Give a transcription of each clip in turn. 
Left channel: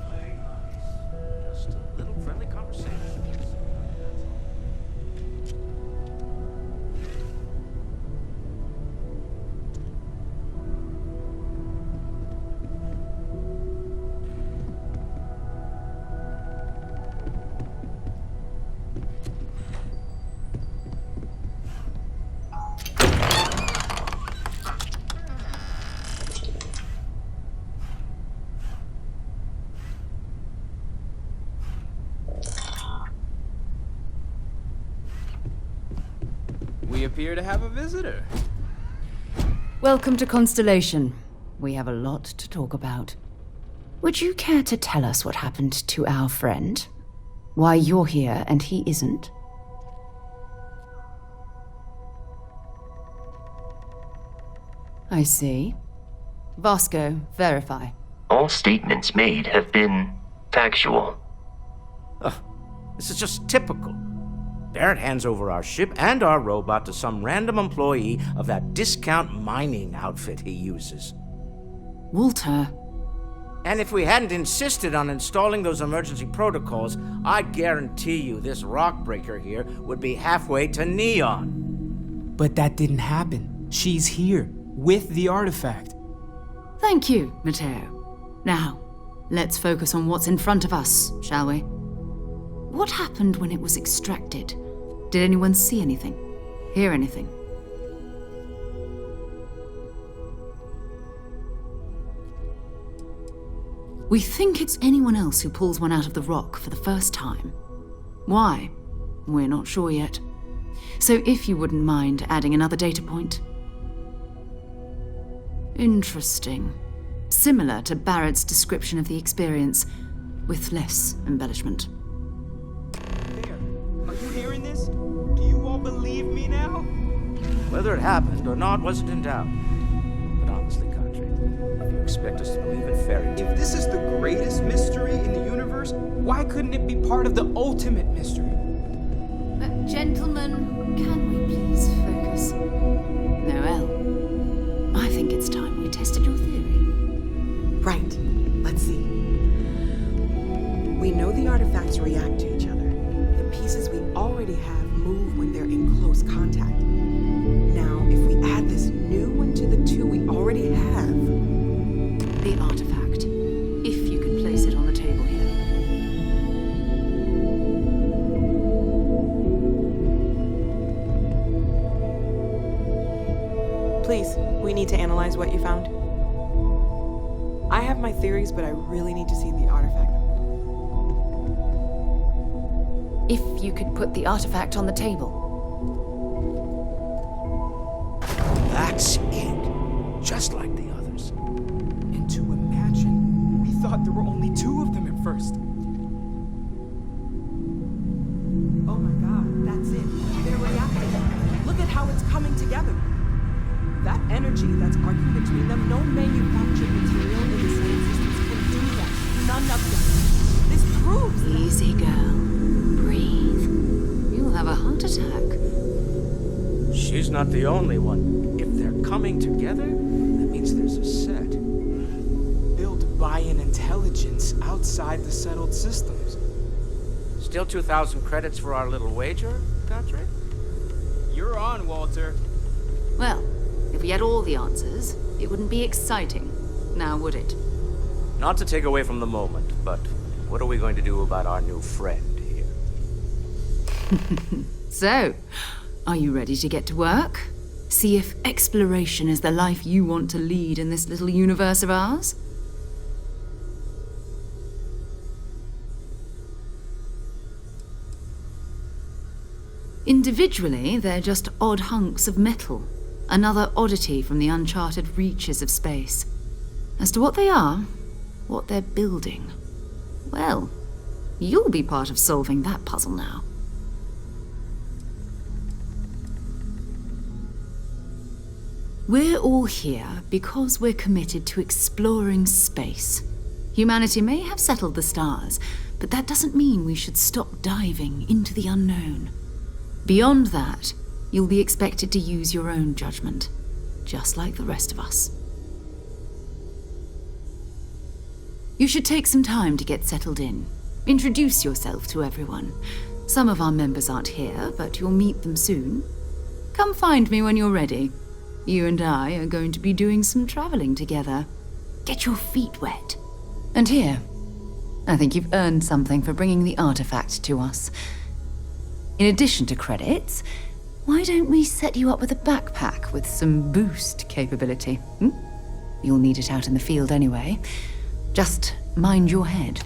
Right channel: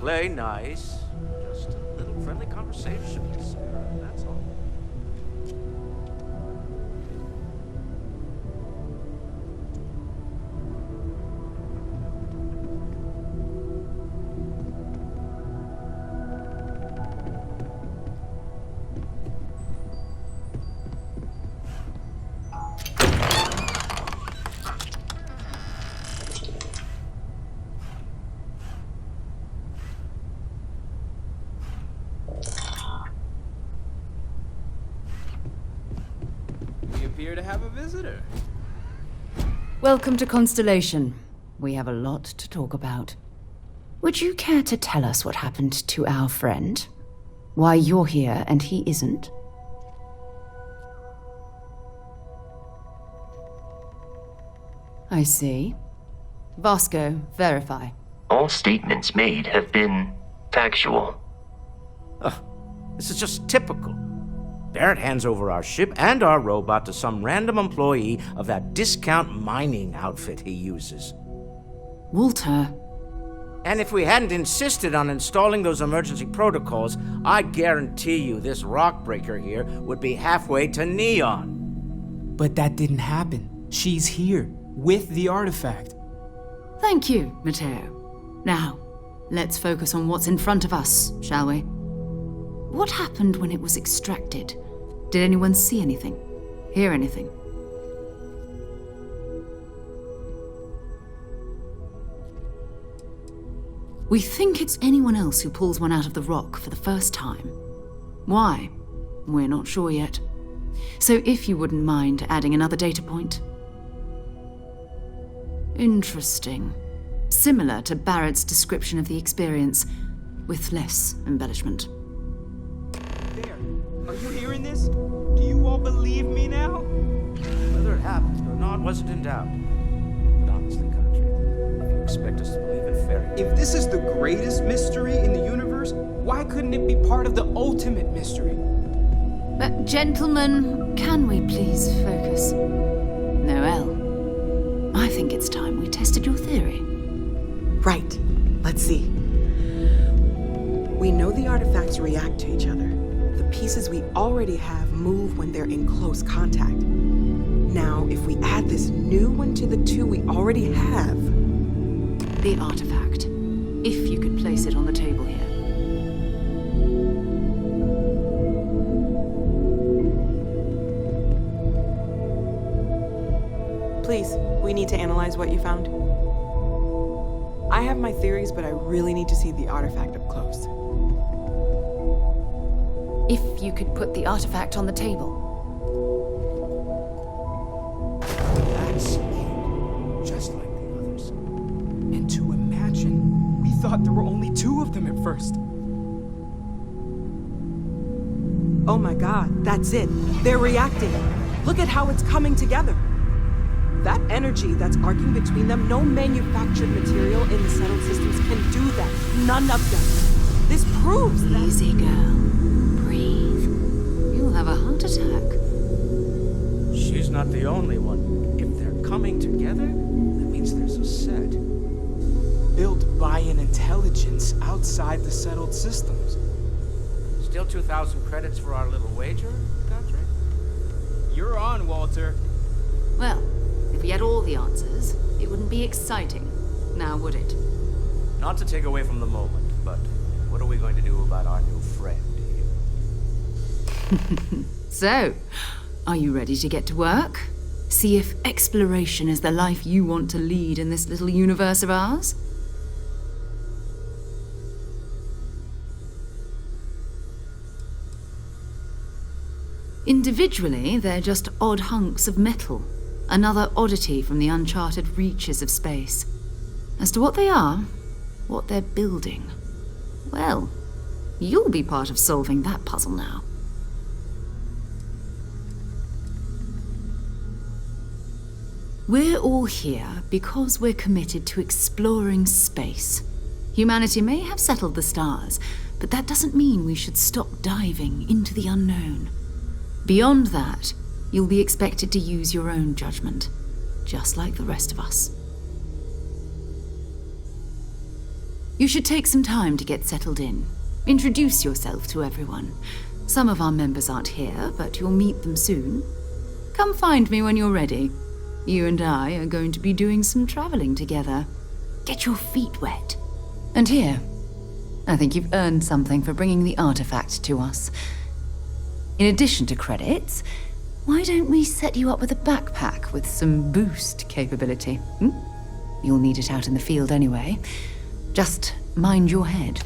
play nice. Just a little friendly conversation. That's all. We appear to have a visitor. Welcome to Constellation. We have a lot to talk about. Would you care to tell us what happened to our friend? Why you're here and he isn't? I see. Vasco, verify. All statements made have been factual. This is just typical. Barrett hands over our ship and our robot to some random employee of that discount mining outfit he uses. Walter. And if we hadn't insisted on installing those emergency protocols, I guarantee you this rock breaker here would be halfway to Neon. But that didn't happen. She's here, with the artifact. Thank you, Matteo. Now, let's focus on what's in front of us, shall we? What happened when it was extracted? Did anyone see anything? Hear anything? We think it's anyone else who pulls one out of the rock for the first time. Why? We're not sure yet. So if you wouldn't mind adding another data point. Interesting. Similar to Barrett's description of the experience, with less embellishment. There. Are you hearing this? Do you all believe me now? Whether it happened or not wasn't in doubt. But honestly, Country, if you expect us to believe in fairy tales... If this is the greatest mystery in the universe, why couldn't it be part of the ultimate mystery? But gentlemen, can we please focus? Noelle, I think it's time we tested your theory. Right. Let's see. We know the artifacts react to each other. The pieces we already have move when they're in close contact. Now, if we add this new one to the two we already have... The artifact. If you could place it on the table here. Please, we need to analyze what you found. I have my theories, but I really need to see the artifact up close. If you could put the artifact on the table. That's it. Just like the others. And to imagine, we thought there were only two of them at first. Oh my god, that's it. They're reacting. Look at how it's coming together. That energy that's arcing between them, no manufactured material in the settled systems can do that. None of them. This proves that... Easy, girl. Breathe. You'll have a heart attack. She's not the only one. If they're coming together, that means there's a set. Built by an intelligence outside the settled systems. Still 2,000 credits for our little wager, Country? You're on, Walter. Well, if we had all the answers, it wouldn't be exciting. Now, would it? Not to take away from the moment, but what are we going to do about our new friend here? So, are you ready to get to work? See if exploration is the life you want to lead in this little universe of ours? Individually, they're just odd hunks of metal. Another oddity from the uncharted reaches of space. As to what they are, what they're building, well, you'll be part of solving that puzzle now. We're all here because we're committed to exploring space. Humanity may have settled the stars, but that doesn't mean we should stop diving into the unknown. Beyond that, you'll be expected to use your own judgment, just like the rest of us. You should take some time to get settled in. Introduce yourself to everyone. Some of our members aren't here, but you'll meet them soon. Come find me when you're ready. You and I are going to be doing some traveling together. Get your feet wet. And here, I think you've earned something for bringing the artifact to us. In addition to credits, why don't we set you up with a backpack with some boost capability? You'll need it out in the field anyway. Just mind your head.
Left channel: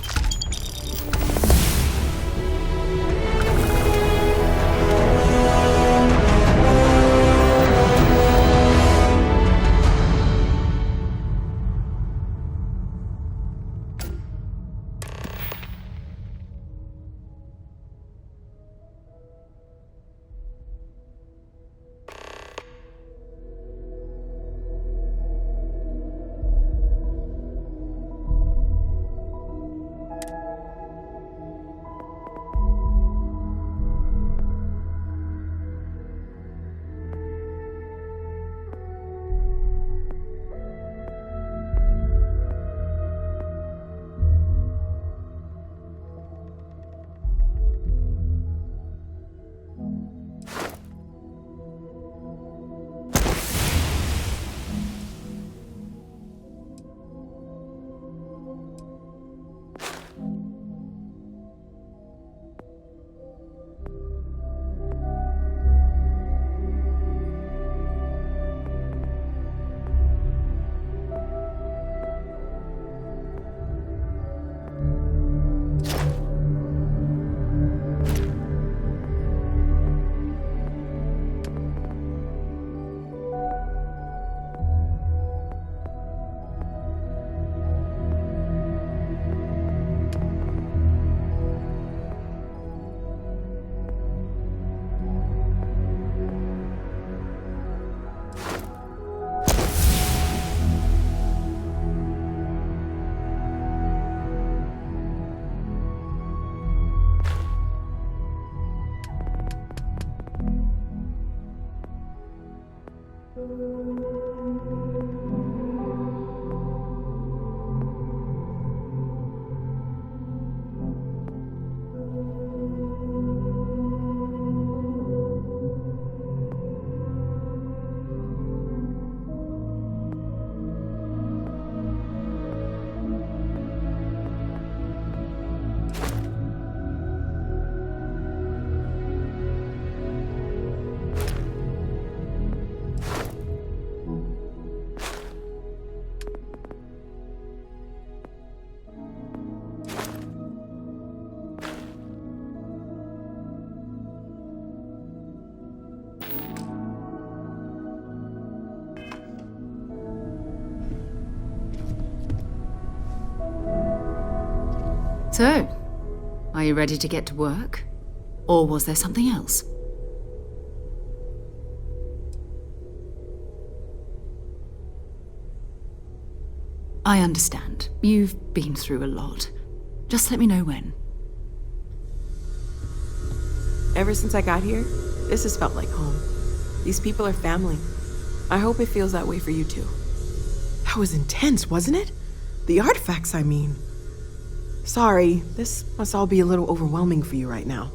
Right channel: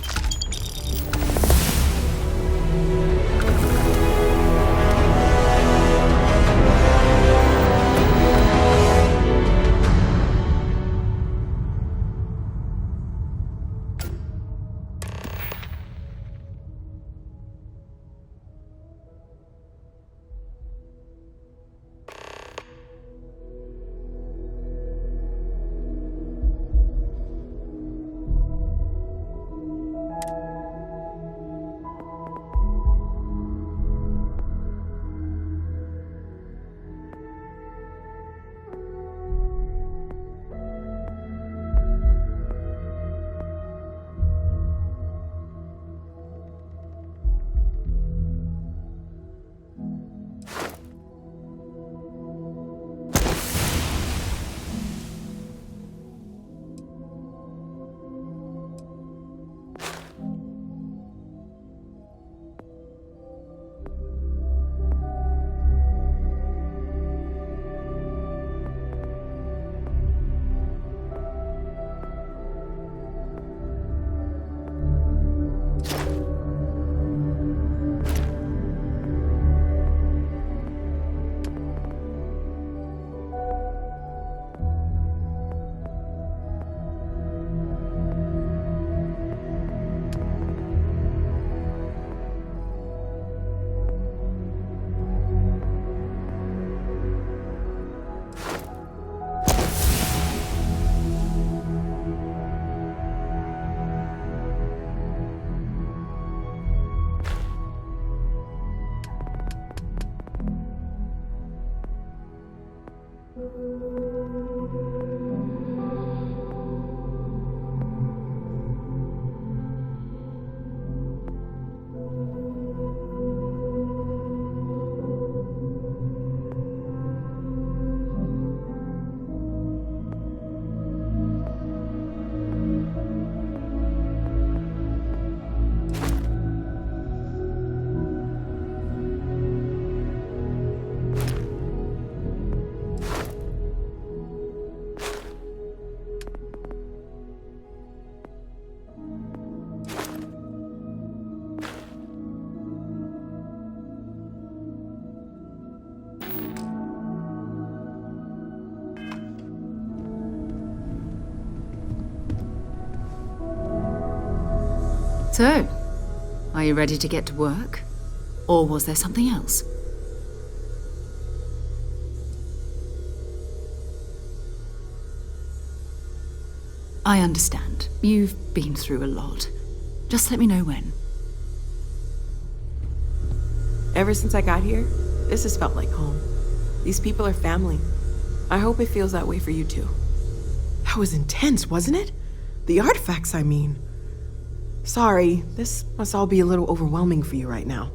So, are you ready to get to work? Or was there something else? I understand. You've been through a lot. Just let me know when. Ever since I got here, this has felt like home. These people are family. I hope it feels that way for you too. That was intense, wasn't it? The artifacts, I mean. Sorry, this must all be a little overwhelming for you right now.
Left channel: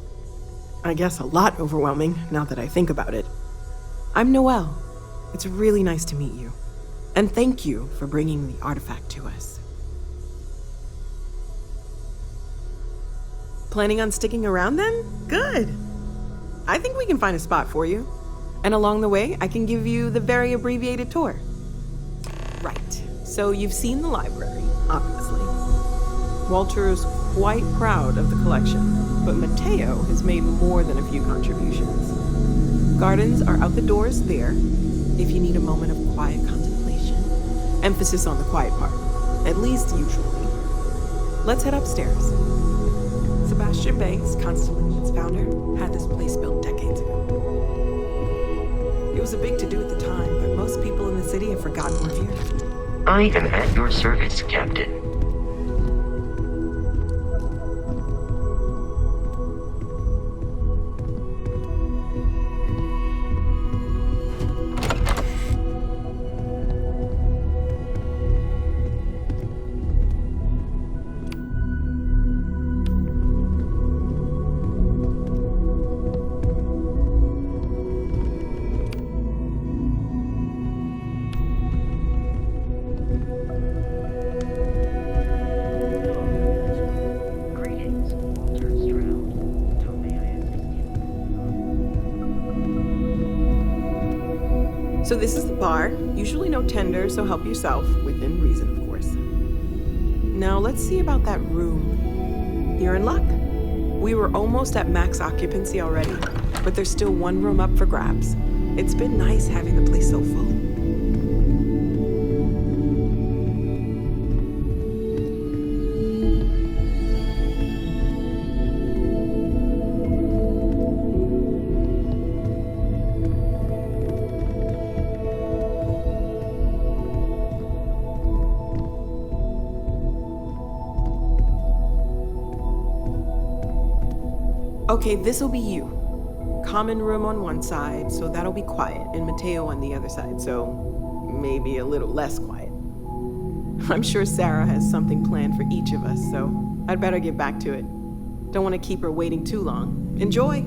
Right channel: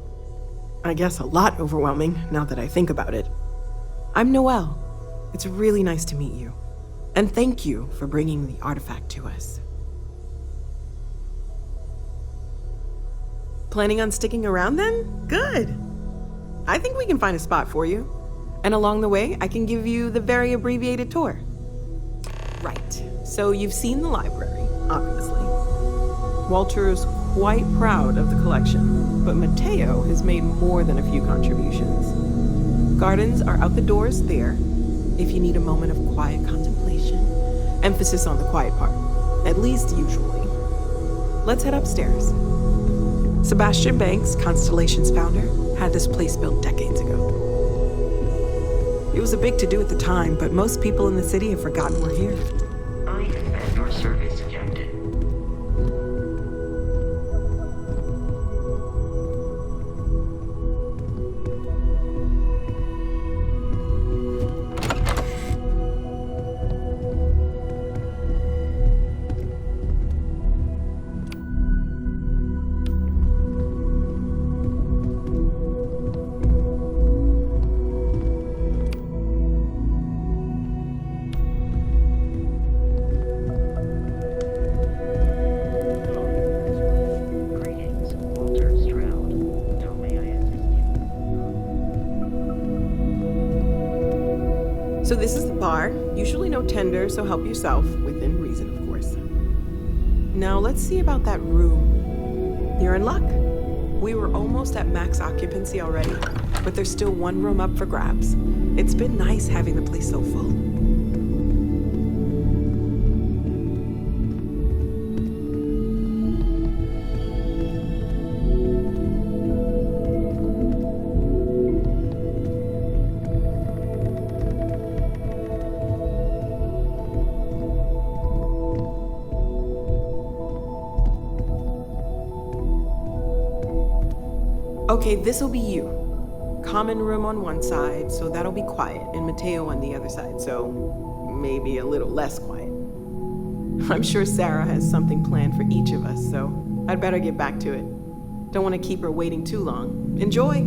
I guess a lot overwhelming, now that I think about it. I'm Noelle. It's really nice to meet you. And thank you for bringing the artifact to us. Planning on sticking around then? Good. I think we can find a spot for you. And along the way, I can give you the very abbreviated tour. Right. So you've seen the library, obviously. Walter is quite proud of the collection, but Mateo has made more than a few contributions. Gardens are out the doors there, if you need a moment of quiet contemplation. Emphasis on the quiet part, at least usually. Let's head upstairs. Sebastian Banks, Constellation's founder, had this place built decades ago. It was a big to-do at the time, but most people in the city have forgotten we're here. I am at your service, Captain. So this is the bar. Usually no tender, so help yourself, within reason, of course. Now let's see about that room. You're in luck. We were almost at max occupancy already, but there's still one room up for grabs. It's been nice having the place so full. Okay, this'll be you. Common room on one side, so that'll be quiet, and Mateo on the other side, so maybe a little less quiet. I'm sure Sarah has something planned for each of us, so I'd better get back to it. Don't want to keep her waiting too long. Enjoy!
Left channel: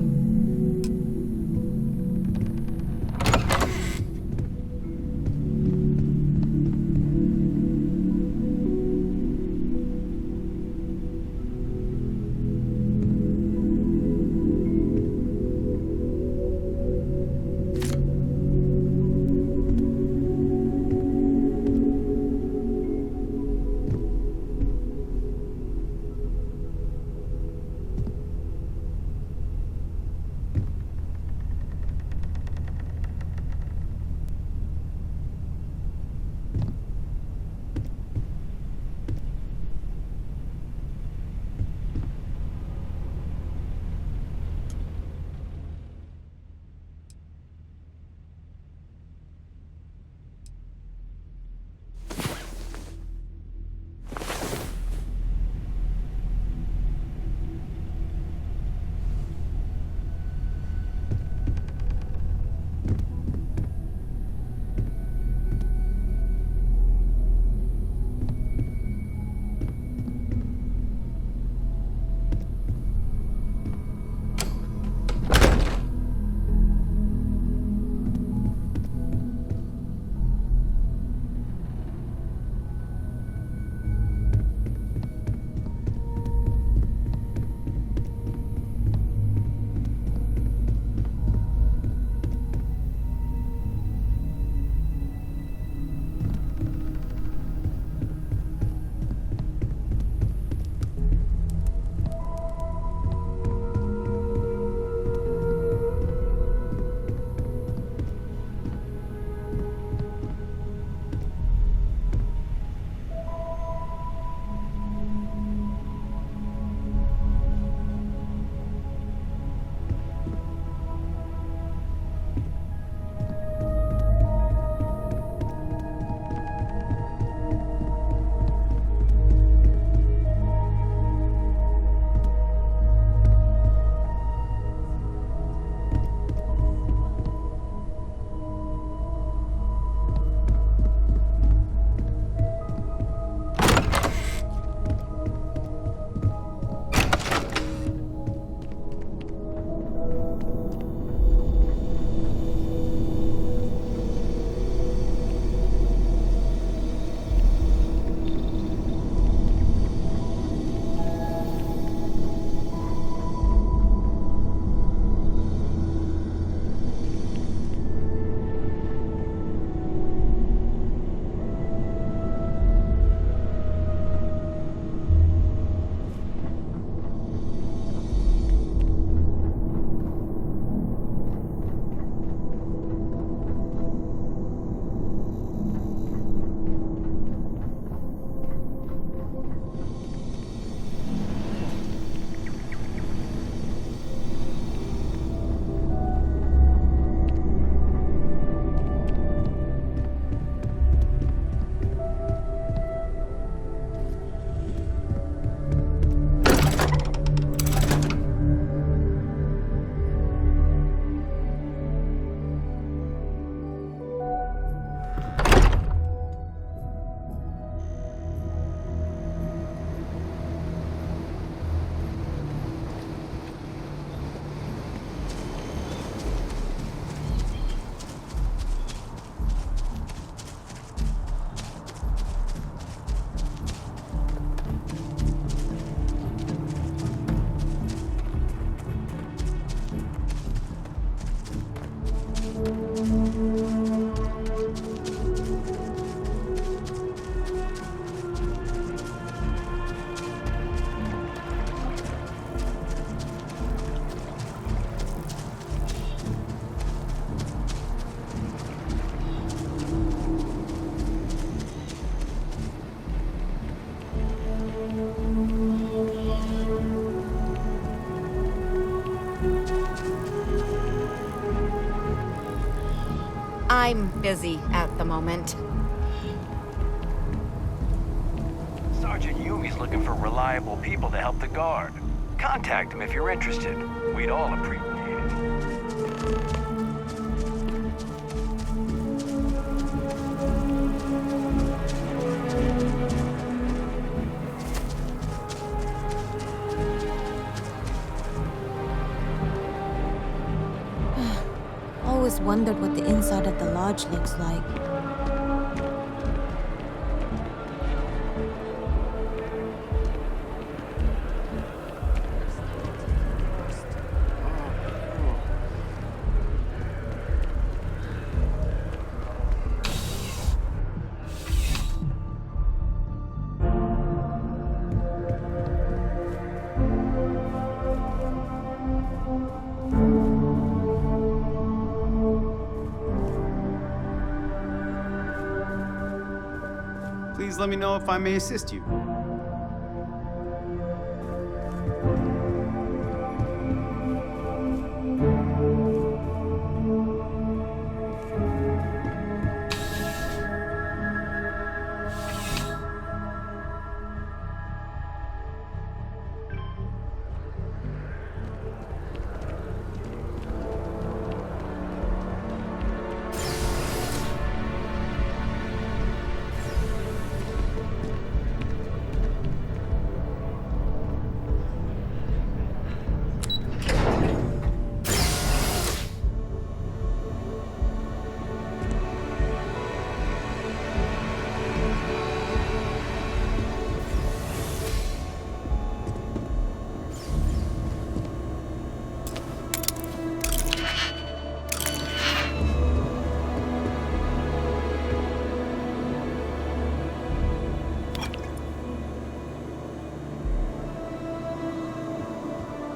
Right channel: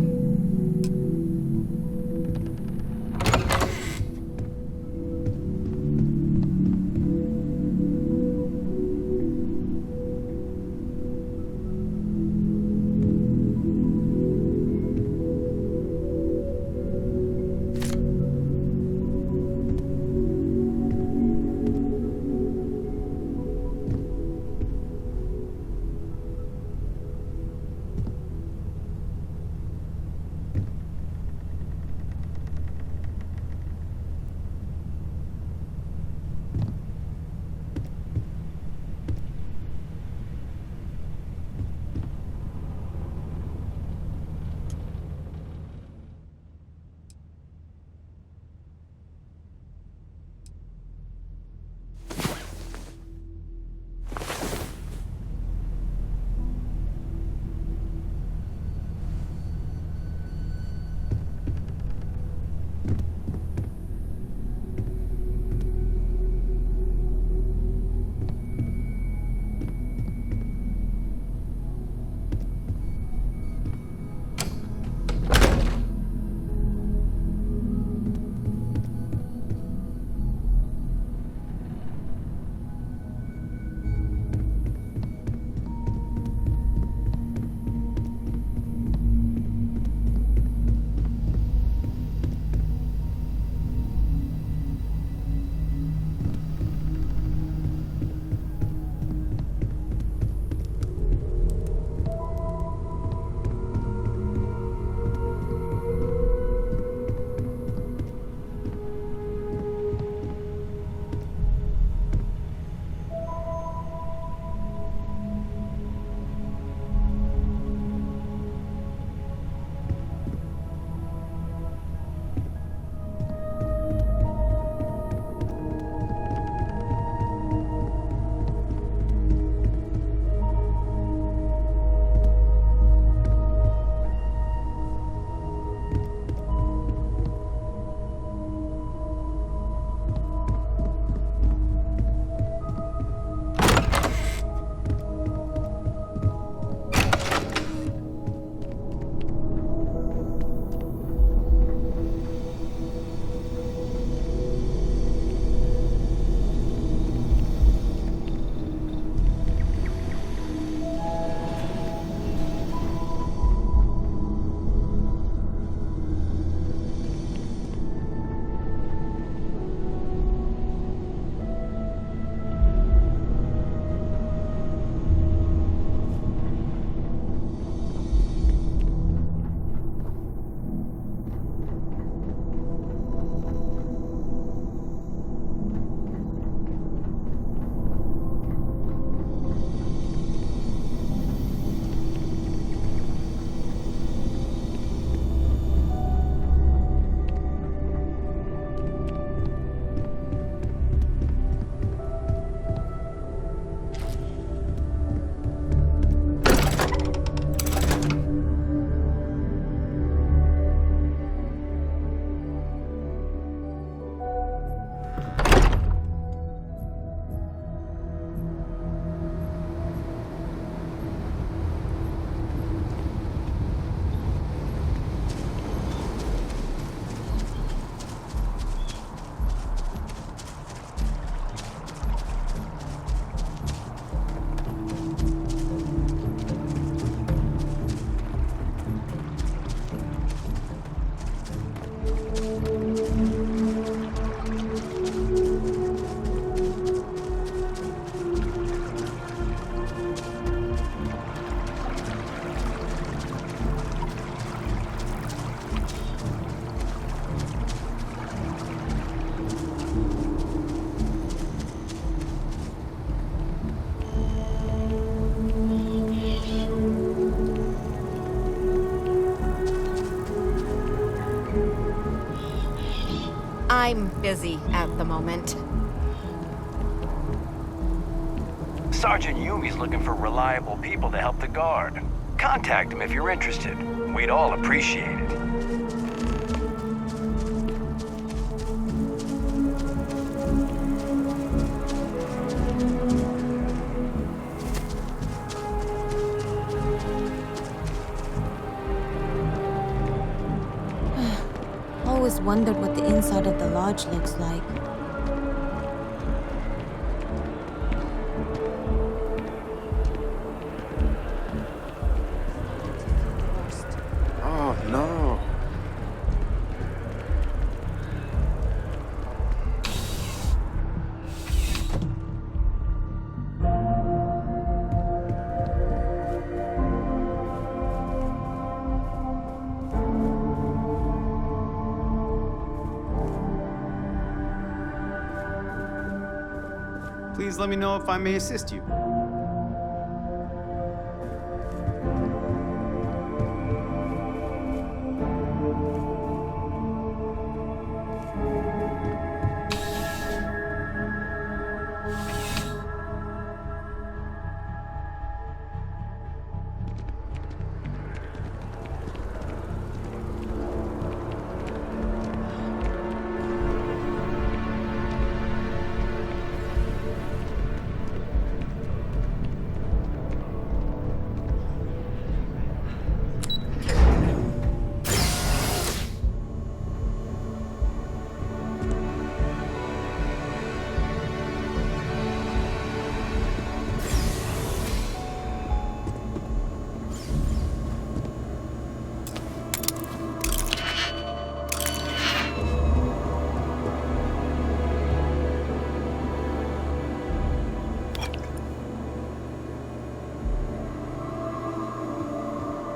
I'm busy at the moment. Sergeant Yumi's looking for reliable people to help the guard. Contact him if you're interested. We'd all appreciate it. Always wondered what the inside of the lodge looks like. Oh no. Please let me know if I may assist you.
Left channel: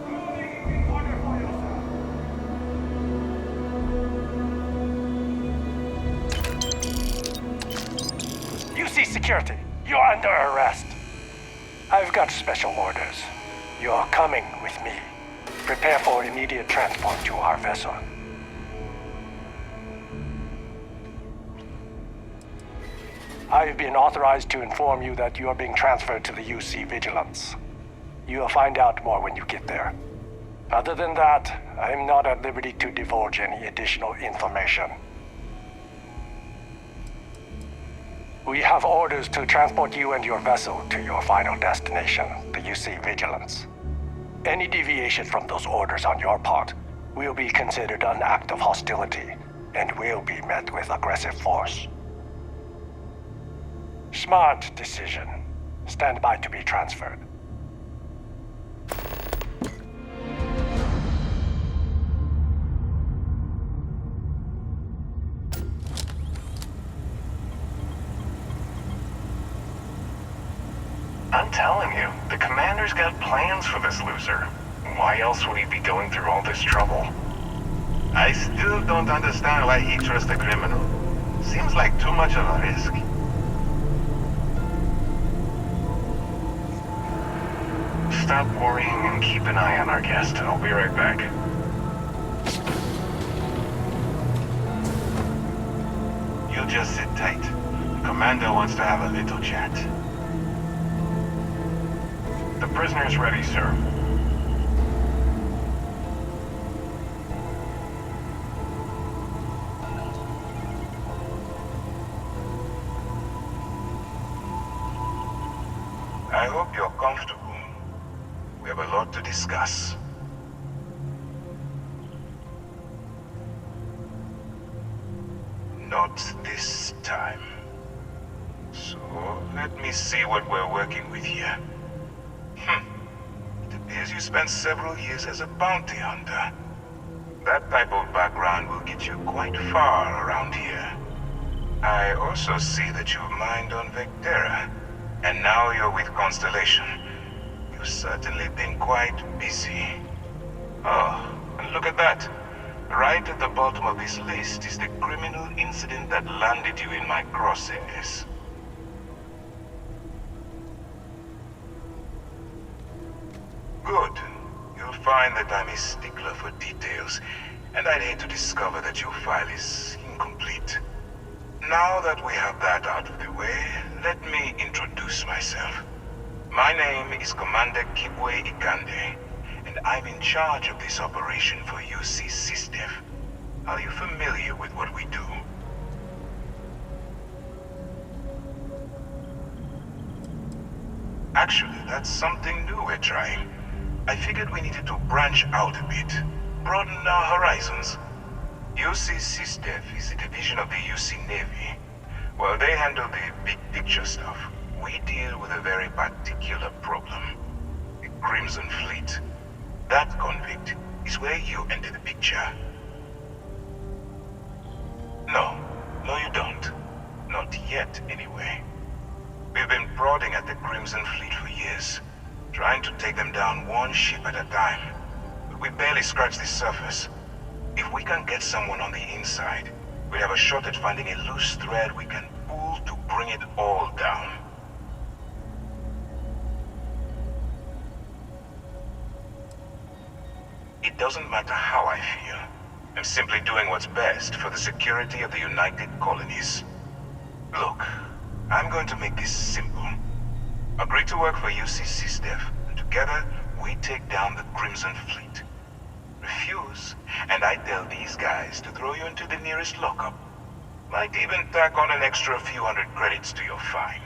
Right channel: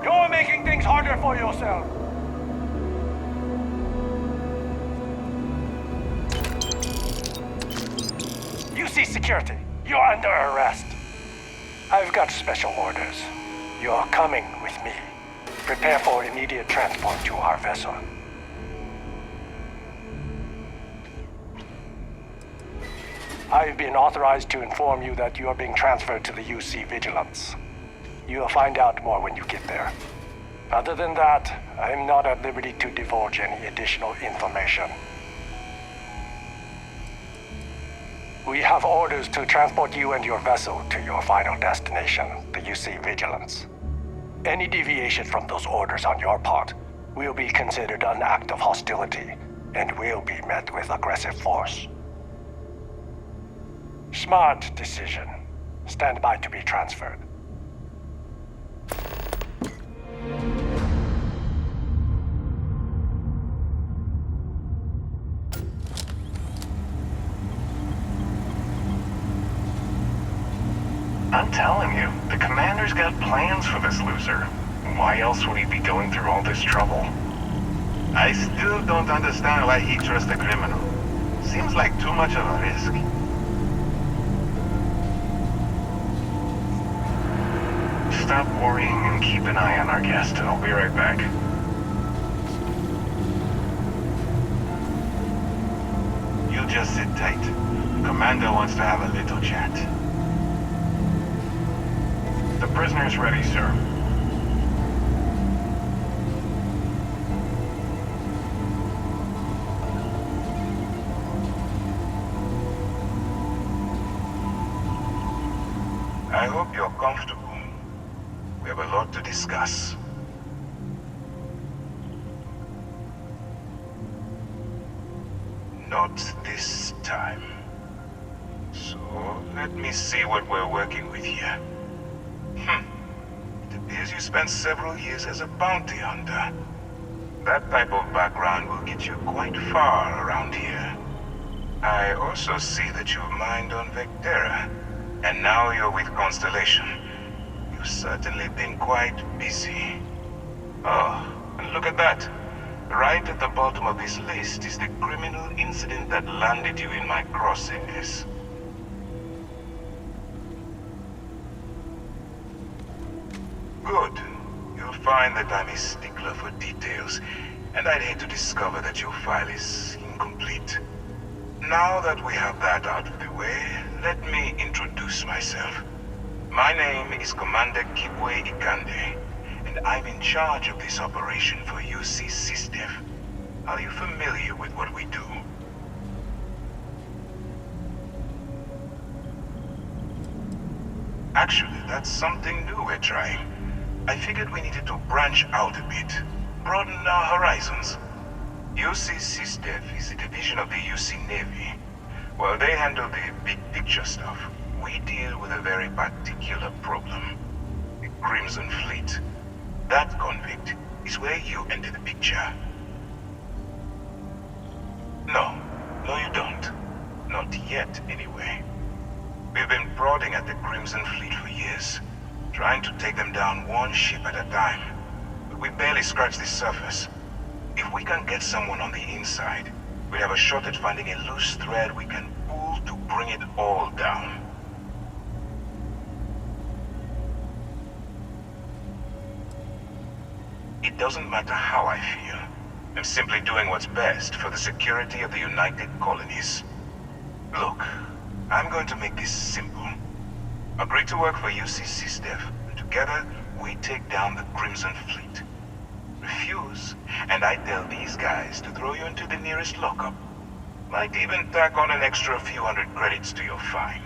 You're making things harder for yourself. UC Security, you're under arrest. I've got special orders. You're coming with me. Prepare for immediate transport to our vessel. I've been authorized to inform you that you are being transferred to the UC Vigilance. You'll find out more when you get there. Other than that, I'm not at liberty to divulge any additional information. We have orders to transport you and your vessel to your final destination, the UC Vigilance. Any deviation from those orders on your part will be considered an act of hostility and will be met with aggressive force. Smart decision. Stand by to be transferred. I'm telling you, the commander's got plans for this loser. Why else would he be going through all this trouble? I still don't understand why he trusts a criminal. Seems like too much of a risk. Stop worrying and keep an eye on our guest. I'll be right back. You just sit tight. The commander wants to have a little chat. The prisoner's ready, sir. I hope you're comfortable. We have a lot to discuss. Not this time. So, let me see what we're working with here. It appears you spent several years as a bounty hunter. That type of background will get you quite far around here. I also see that you've mined on Vectera, and now you're with Constellation. You've certainly been quite busy. Oh, and look at that. Right at the bottom of this list is the criminal incident that landed you in my crosshairs. Good. You'll find that I'm a stickler for details, and I'd hate to discover that your file is complete. Now that we have that out of the way, let me introduce myself. My name is Commander Kibwe Ikande, and I'm in charge of this operation for UC SysDef. Are you familiar with what we do? Actually, that's something new we're trying. I figured we needed to branch out a bit, broaden our horizons. UC SysDef is a division of the UC Navy. While they handle the big picture stuff, we deal with a very particular problem. The Crimson Fleet. That convict is where you enter the picture. No, you don't. Not yet, anyway. We've been prodding at the Crimson Fleet for years, trying to take them down one ship at a time. But we barely scratched the surface. If we can get someone on the inside, we have a shot at finding a loose thread we can pull to bring it all down. It doesn't matter how I feel. I'm simply doing what's best for the security of the United Colonies. Look, I'm going to make this simple. Agree to work for UC SysDef, and together we take down the Crimson Fleet. Refuse, and I tell these guys to throw you into the nearest lockup. Might even tack on an extra few hundred credits to your fine.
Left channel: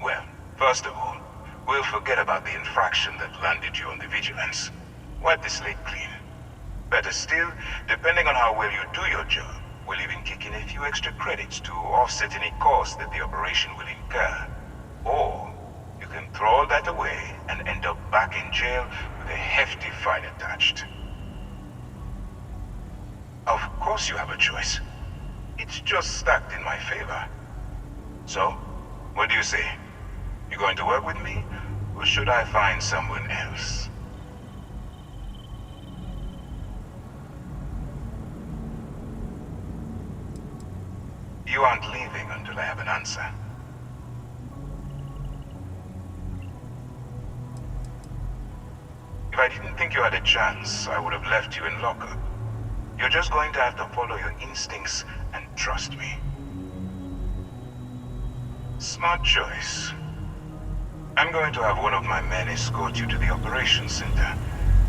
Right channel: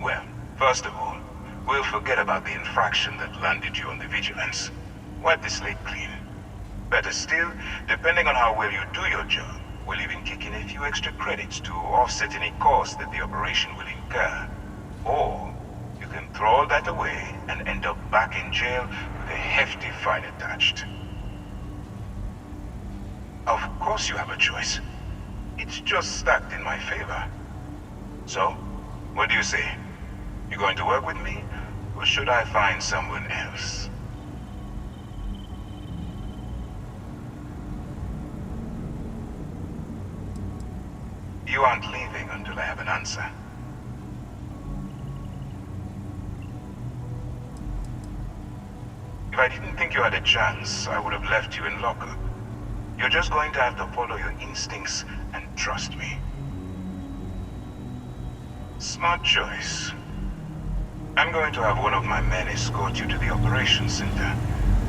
Well, first of all, we'll forget about the infraction that landed you on the Vigilance. Wipe the slate clean. Better still, depending on how well you do your job, we'll even kick in a few extra credits to offset any cost that the operation will incur. Or, you can throw all that away and end up back in jail with a hefty fine attached. Of course you have a choice. It's just stacked in my favor. So, what do you say? You going to work with me, or should I find someone else? You aren't leaving until I have an answer. If I didn't think you had a chance, I would have left you in lockup. You're just going to have to follow your instincts and trust me. Smart choice. I'm going to have one of my men escort you to the operations center.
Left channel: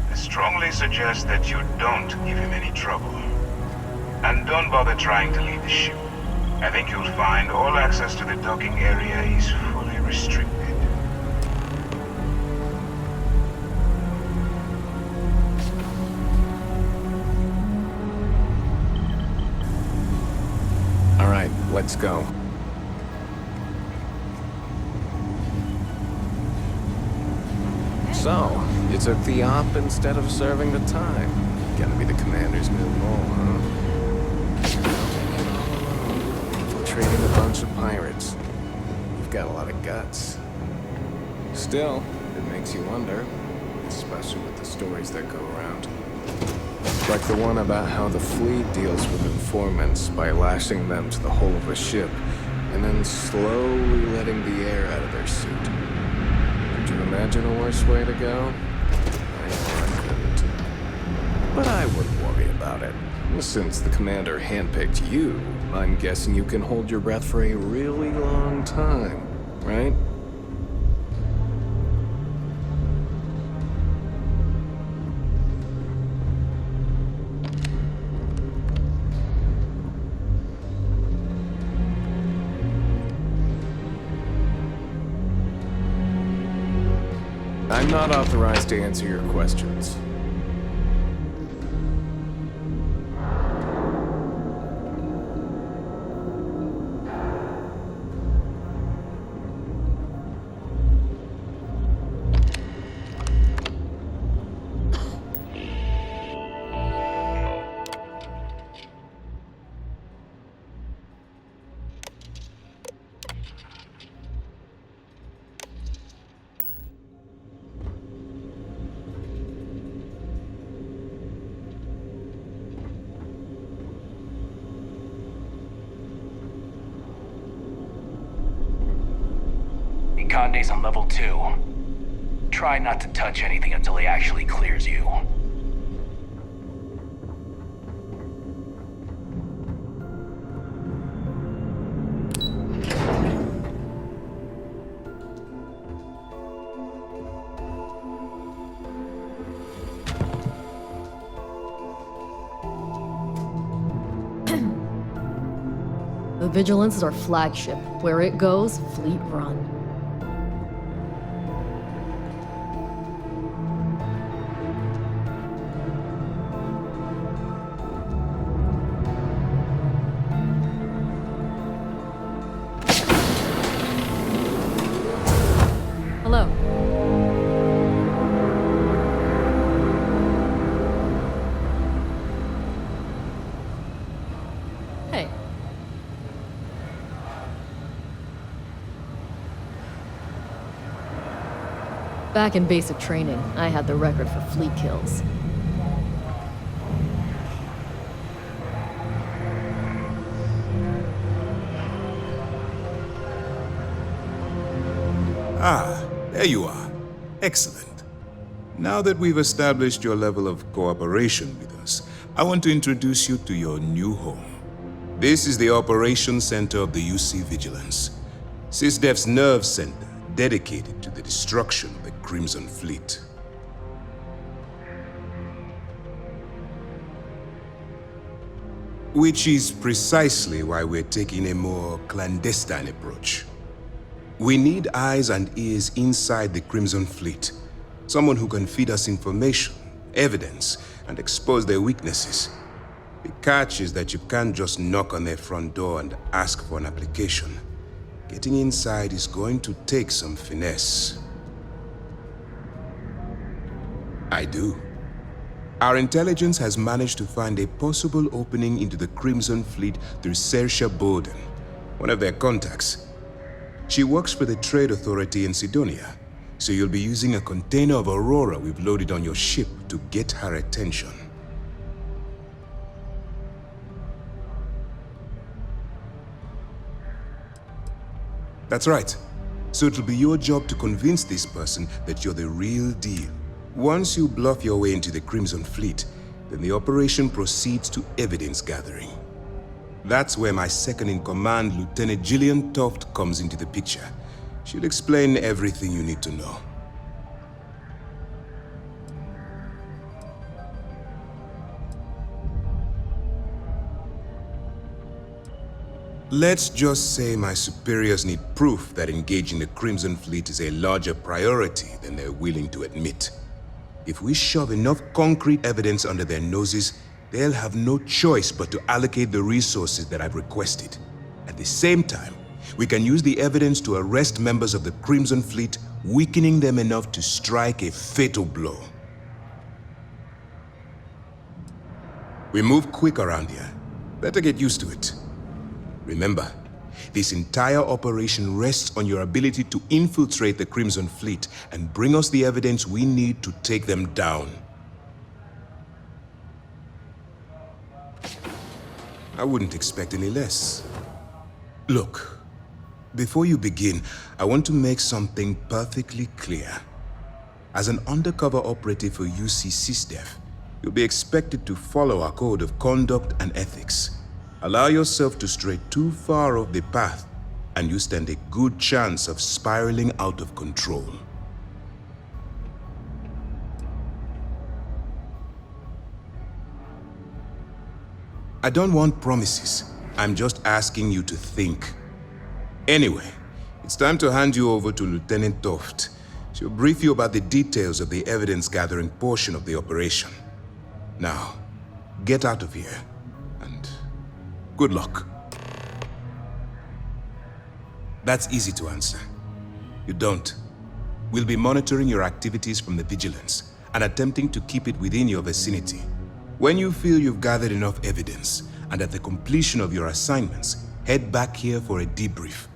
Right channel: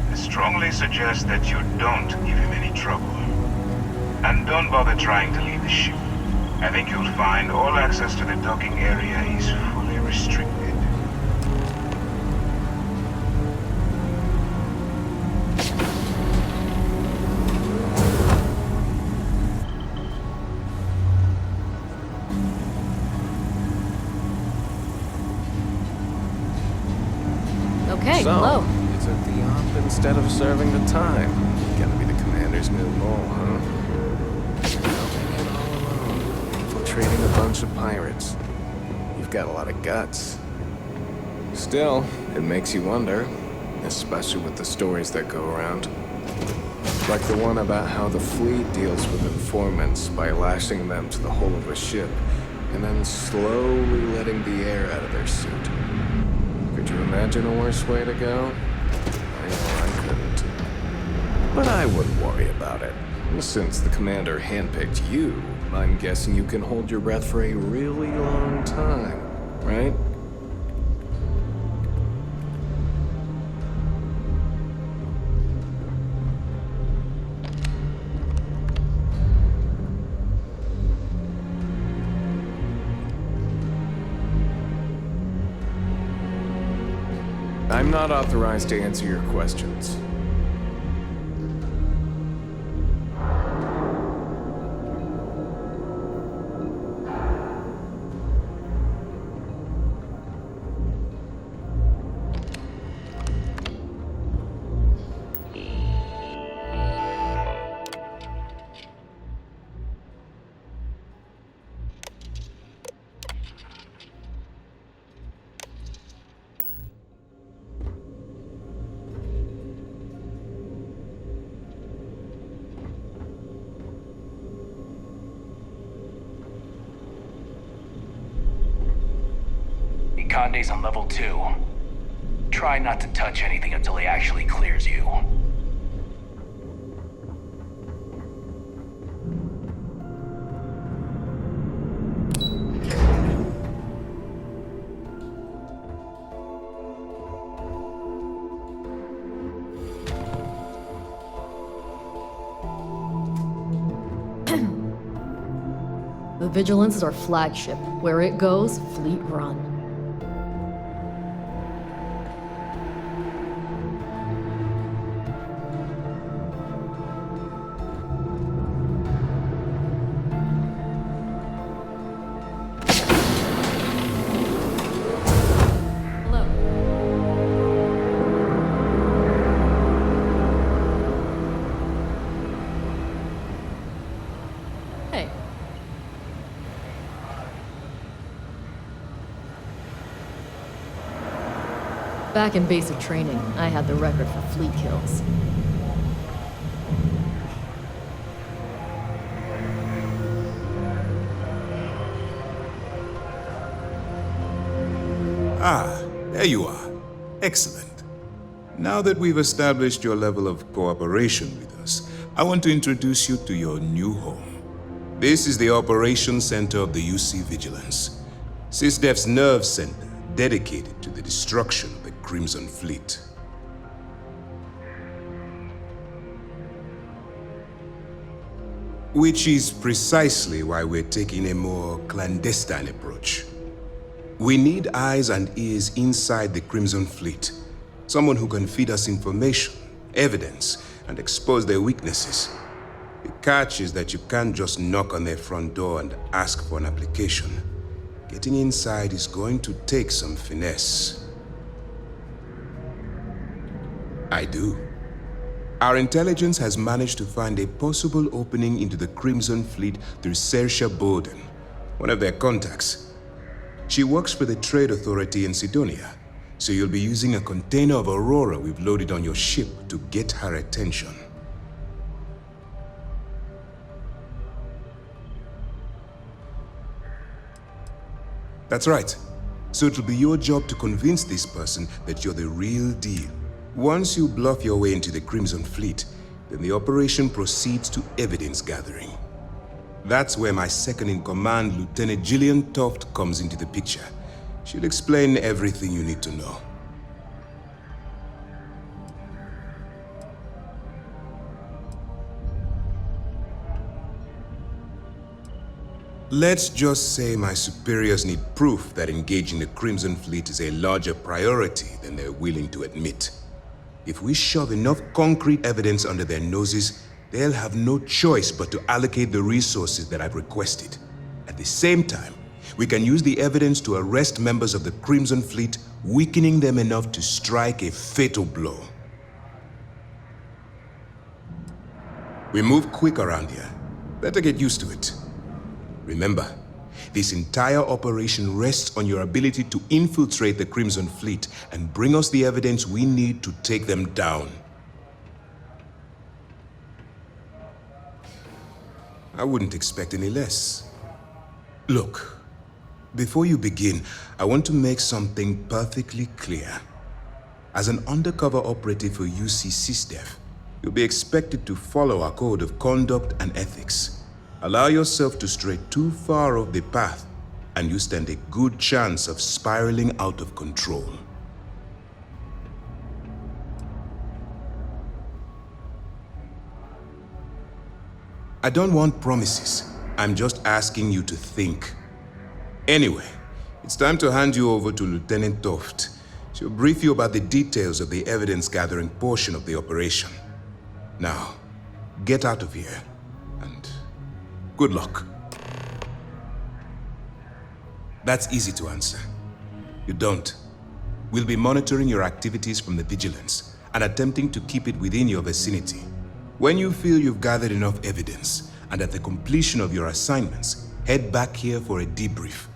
I strongly suggest that you don't give him any trouble. And don't bother trying to leave the ship. I think you'll find all access to the docking area is fully restricted. All right, let's go. Okay, So, hello. you took the op instead of serving the time. Gonna be the commander's new role, huh? Infiltrating a bunch of pirates. You've got a lot of guts. Still, it makes you wonder, especially with the stories that go around. Like the one about how the fleet deals with informants by lashing them to the hull of a ship and then slowly letting the air out of their suit. Could you imagine a worse way to go? I know I couldn't. But I wouldn't worry about it. Since the commander handpicked you, I'm guessing you can hold your breath for a really long time, right? I'm not authorized to answer your questions. Ikande's on level 2. try not to touch anything until he actually clears you. The Vigilance is our flagship. Where it goes, Fleet Run. Hello. Hey. Back in basic training, I had the record for fleet kills. Ah, there you are. Excellent. Now that we've established your level of cooperation with us, I want to introduce you to your new home. This is the Operations Center of the UC Vigilance, SysDef's nerve center dedicated to the destruction of the Crimson Fleet. Which is precisely why we're taking a more clandestine approach. We need eyes and ears inside the Crimson Fleet. Someone who can feed us information, evidence, and expose their weaknesses. The catch is that you can't just knock on their front door and ask for an application. Getting inside is going to take some finesse. I do. Our intelligence has managed to find a possible opening into the Crimson Fleet through Saoirse Bowden, one of their contacts. She works for the Trade Authority in Sidonia, so you'll be using a container of Aurora we've loaded on your ship to get her attention. That's right. So it'll be your job to convince this person that you're the real deal. Once you bluff your way into the Crimson Fleet, then the operation proceeds to evidence gathering. That's where my second-in-command, Lieutenant Gillian Toft, comes into the picture. She'll explain everything you need to know. Let's just say my superiors need proof that engaging the Crimson Fleet is a larger priority than they're willing to admit. If we shove enough concrete evidence under their noses, they'll have no choice but to allocate the resources that I've requested. At the same time, we can use the evidence to arrest members of the Crimson Fleet, weakening them enough to strike a fatal blow. We move quick around here. Better get used to it. Remember, this entire operation rests on your ability to infiltrate the Crimson Fleet and bring us the evidence we need to take them down. I wouldn't expect any less. Look, before you begin, I want to make something perfectly clear. As an undercover operative for UC SysDef, you'll be expected to follow our code of conduct and ethics. Allow yourself to stray too far off the path, and you stand a good chance of spiraling out of control. I don't want promises. I'm just asking you to think. Anyway, it's time to hand you over to Lieutenant Toft. She'll brief you about the details of the evidence-gathering portion of the operation. Now, get out of here, and good luck. That's easy to answer. You don't. We'll be monitoring your activities from the Vigilance and attempting to keep it within your vicinity. When you feel you've gathered enough evidence, and at the completion of your assignments, head back here for a debrief.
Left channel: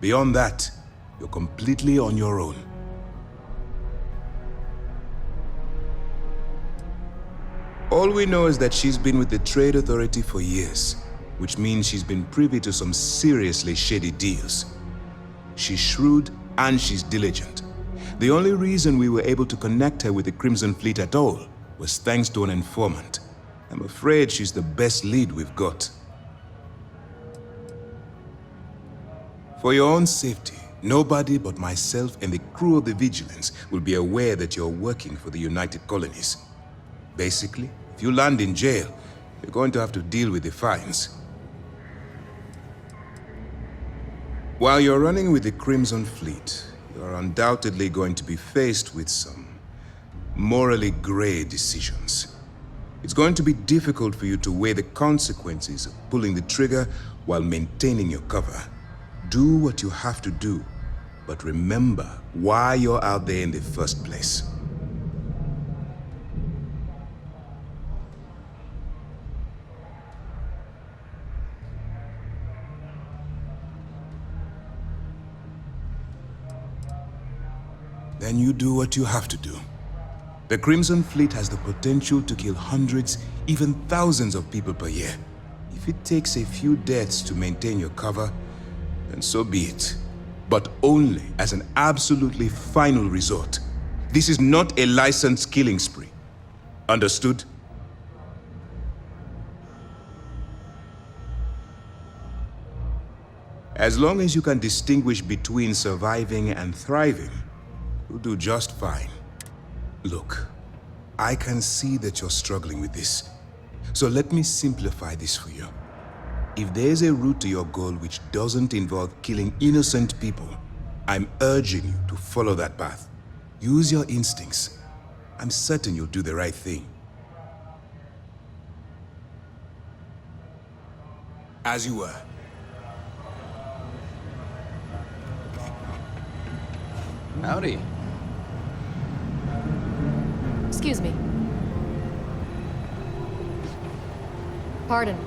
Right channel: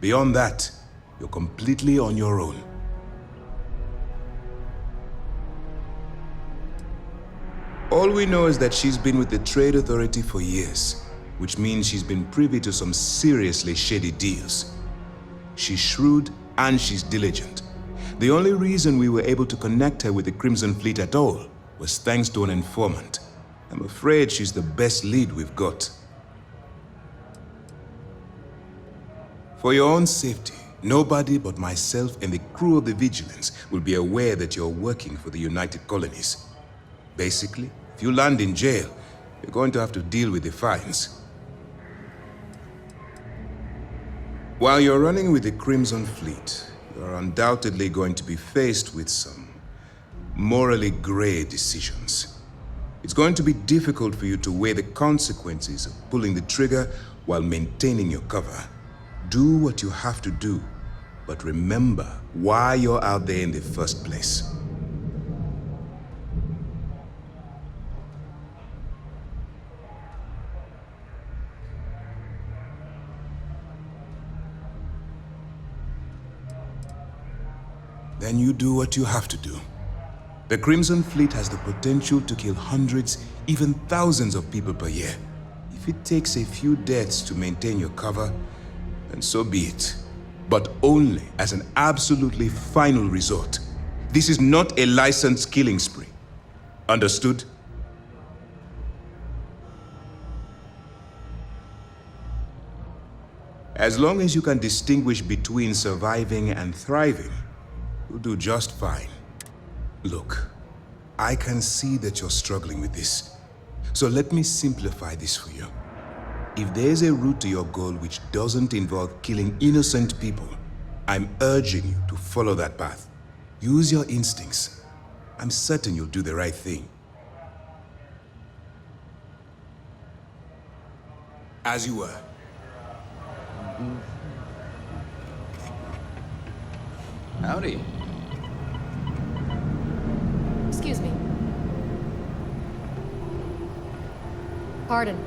Beyond that, you're completely on your own. All we know is that she's been with the Trade Authority for years, which means she's been privy to some seriously shady deals. She's shrewd and she's diligent, The only reason we were able to connect her with the Crimson Fleet at all was thanks to an informant. I'm afraid she's the best lead we've got. For your own safety, nobody but myself and the crew of the Vigilance will be aware that you're working for the United Colonies. Basically, if you land in jail, you're going to have to deal with the fines. While you're running with the Crimson Fleet, you're undoubtedly going to be faced with some morally gray decisions. It's going to be difficult for you to weigh the consequences of pulling the trigger while maintaining your cover. Do what you have to do, but remember why you're out there in the first place. Then you do what you have to do. The Crimson Fleet has the potential to kill hundreds, even thousands of people per year. If it takes a few deaths to maintain your cover, then so be it. But only as an absolutely final resort. This is not a licensed killing spree. Understood? As long as you can distinguish between surviving and thriving, you'll do just fine. Look, I can see that you're struggling with this. So let me simplify this for you. If there's a route to your goal which doesn't involve killing innocent people, I'm urging you to follow that path. Use your instincts. I'm certain you'll do the right thing. As you were. Howdy. Excuse me. Pardon.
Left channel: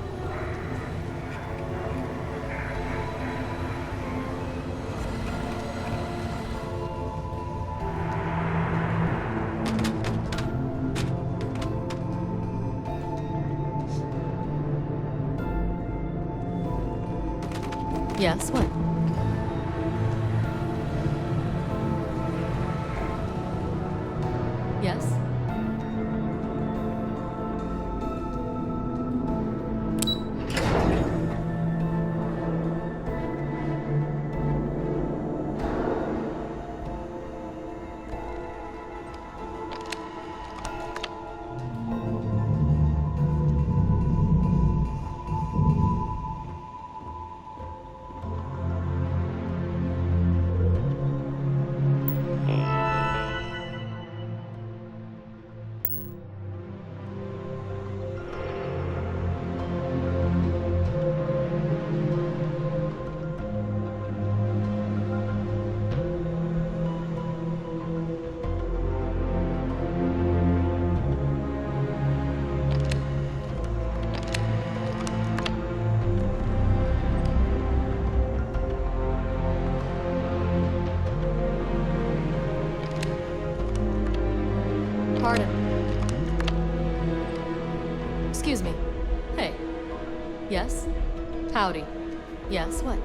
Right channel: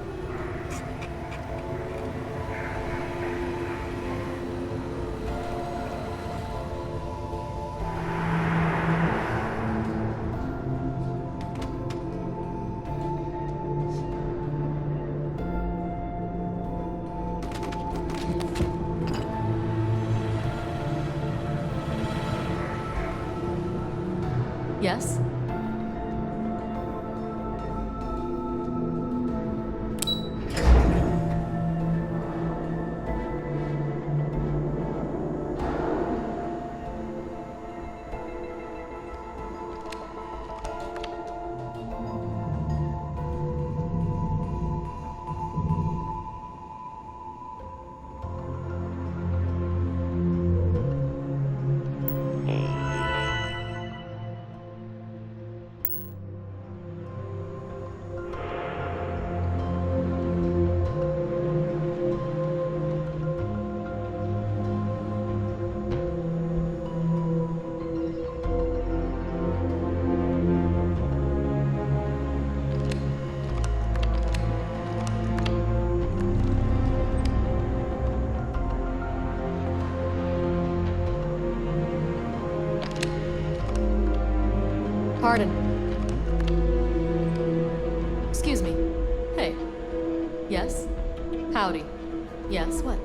Yes, what? Yes? Pardon. Excuse me. Hey. Yes? Howdy. Yes, what?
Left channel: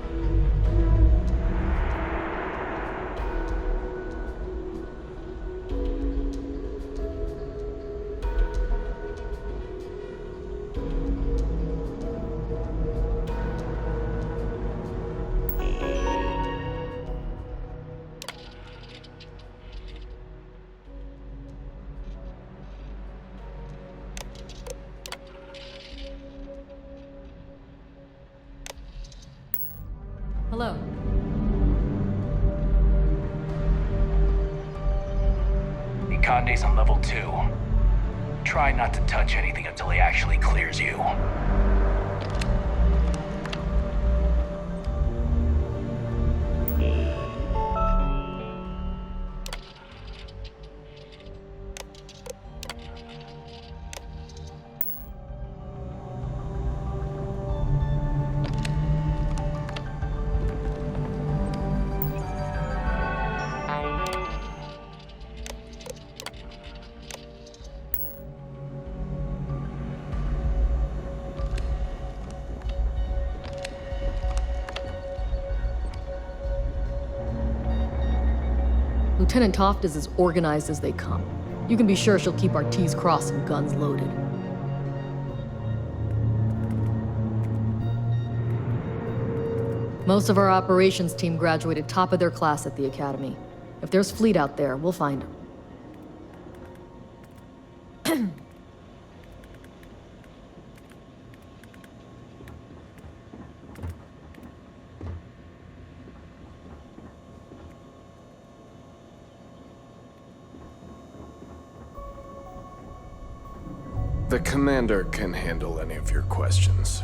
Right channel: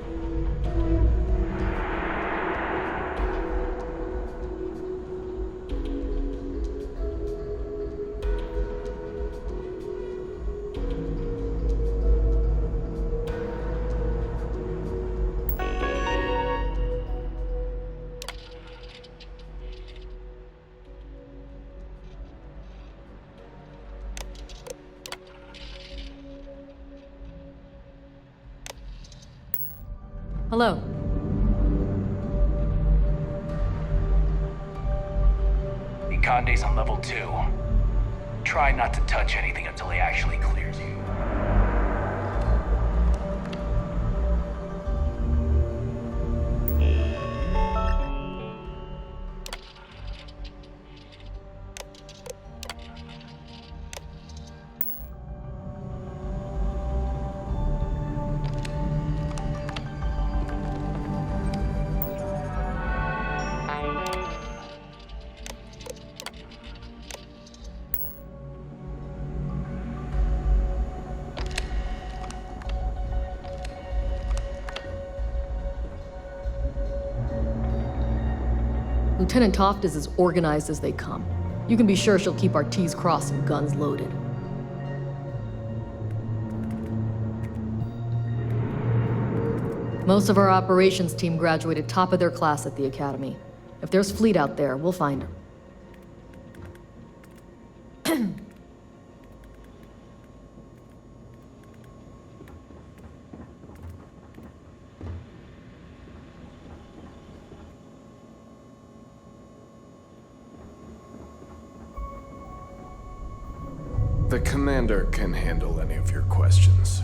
Hello. Ikande's on level 2. Try not to touch anything until he actually clears you. Lieutenant Toft is as organized as they come. You can be sure she'll keep our T's crossed and guns loaded. Most of our operations team graduated top of their class at the academy. If there's fleet out there, we'll find them. The commander can handle any of your questions.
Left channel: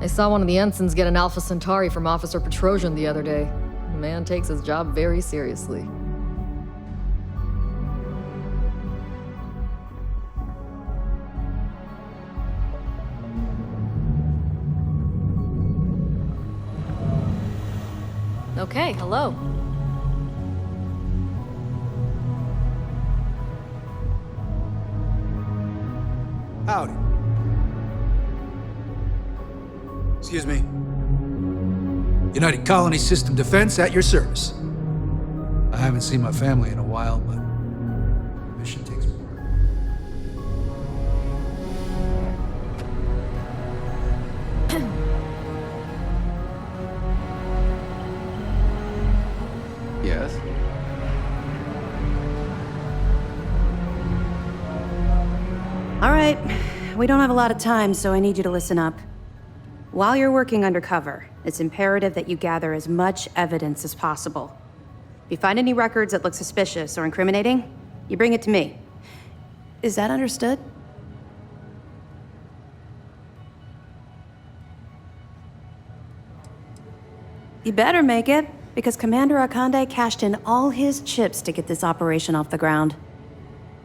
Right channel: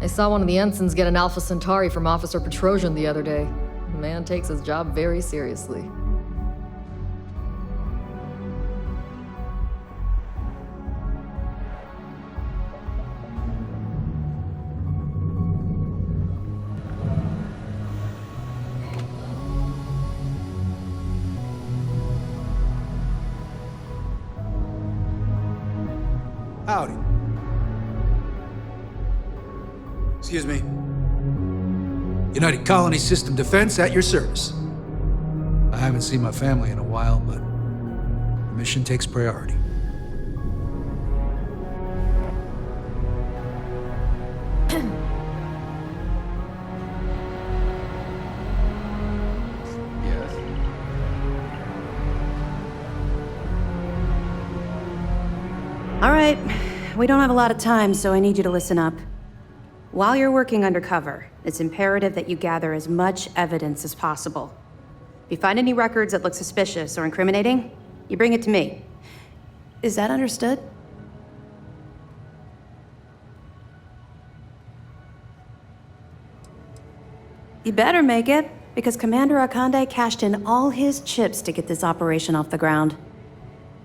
I saw one of the ensigns get an Alpha Centauri from Officer Petrosian the other day. The man takes his job very seriously. Okay, hello. Howdy. Excuse me. United Colony System Defense at your service. I haven't seen my family in a while, but the mission takes priority. Yes? All right. We don't have a lot of time, so I need you to listen up. While you're working undercover, it's imperative that you gather as much evidence as possible. If you find any records that look suspicious or incriminating, you bring it to me. Is that understood? You better make it, because Commander Akande cashed in all his chips to get this operation off the ground.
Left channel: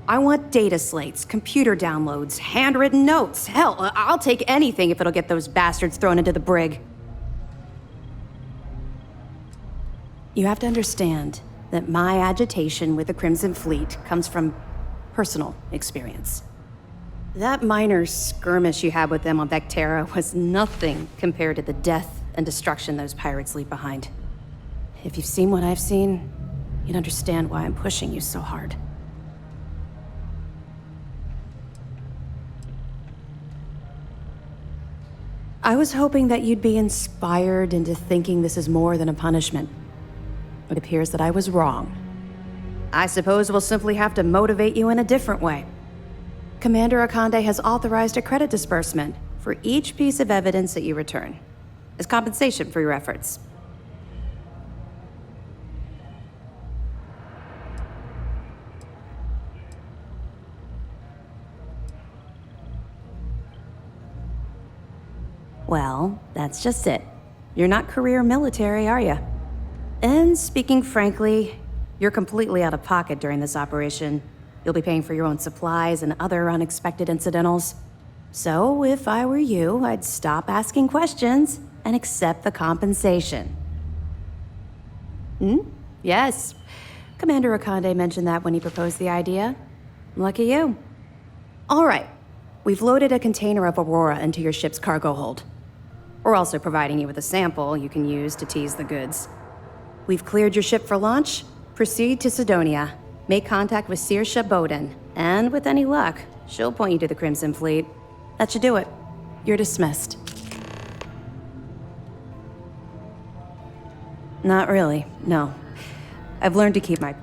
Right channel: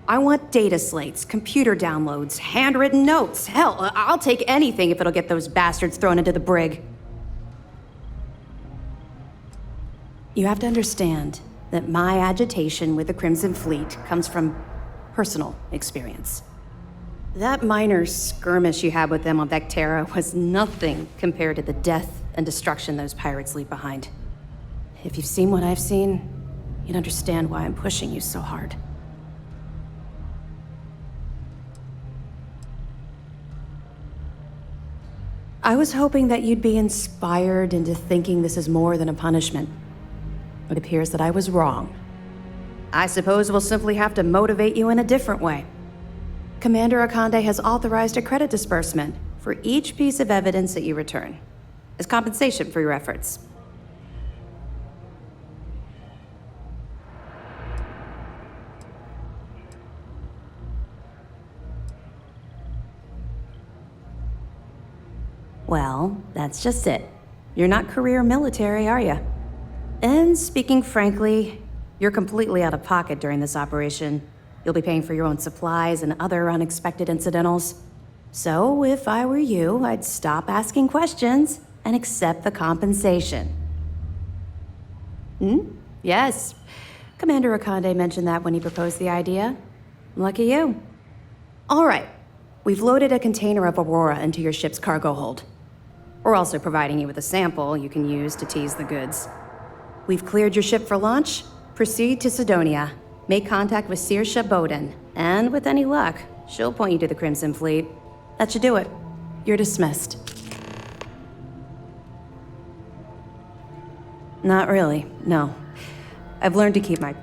I want data slates, computer downloads, handwritten notes. Hell, I'll take anything if it'll get those bastards thrown into the brig. You have to understand that my agitation with the Crimson Fleet comes from personal experience. That minor skirmish you had with them on Vectera was nothing compared to the death and destruction those pirates leave behind. If you've seen what I've seen, you'd understand why I'm pushing you so hard. I was hoping that you'd be inspired into thinking this is more than a punishment. It appears that I was wrong. I suppose we'll simply have to motivate you in a different way. Commander Akande has authorized a credit disbursement for each piece of evidence that you return, as compensation for your efforts. Well, that's just it. You're not career military, are you? And speaking frankly, you're completely out of pocket during this operation. You'll be paying for your own supplies and other unexpected incidentals. So, if I were you, I'd stop asking questions and accept the compensation. Yes. Commander Akande mentioned that when he proposed the idea. Lucky you. All right. We've loaded a container of Aurora into your ship's cargo hold. We're also providing you with a sample you can use to tease the goods. We've cleared your ship for launch. Proceed to Sidonia. Make contact with Saoirse Bowden. And with any luck, she'll point you to the Crimson Fleet. That should do it. You're dismissed. Not really, no. I've learned to keep my...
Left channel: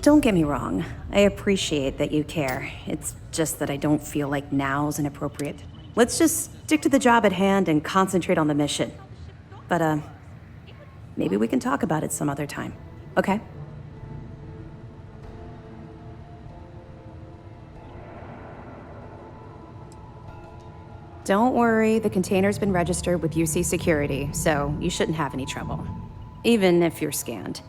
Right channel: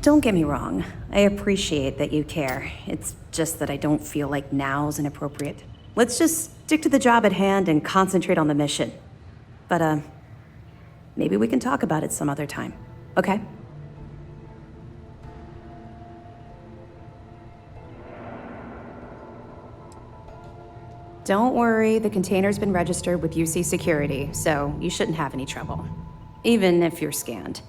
Don't get me wrong. I appreciate that you care. It's just that I don't feel like now's inappropriate. Let's just stick to the job at hand and concentrate on the mission. But, maybe we can talk about it some other time, okay? Don't worry, the container's been registered with UC Security, so you shouldn't have any trouble. Even if you're scanned.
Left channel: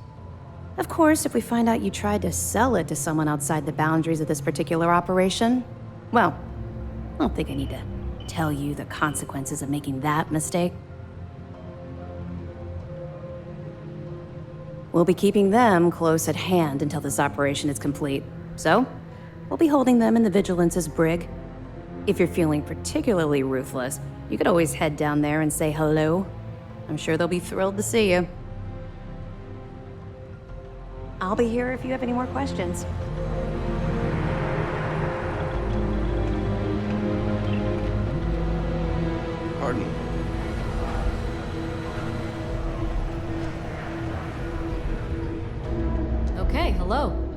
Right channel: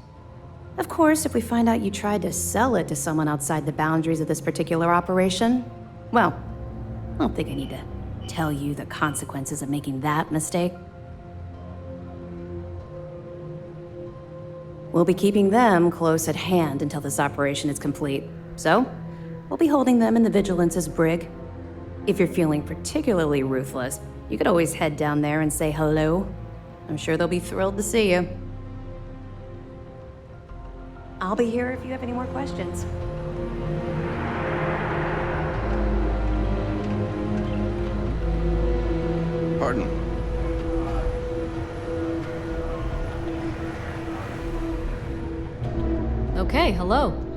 Of course, if we find out you tried to sell it to someone outside the boundaries of this particular operation, well, I don't think I need to tell you the consequences of making that mistake? We'll be keeping them close at hand until this operation is complete. So, we'll be holding them in the Vigilance's brig. If you're feeling particularly ruthless, you could always head down there and say hello. I'm sure they'll be thrilled to see you. I'll be here if you have any more questions. Pardon. Okay, hello.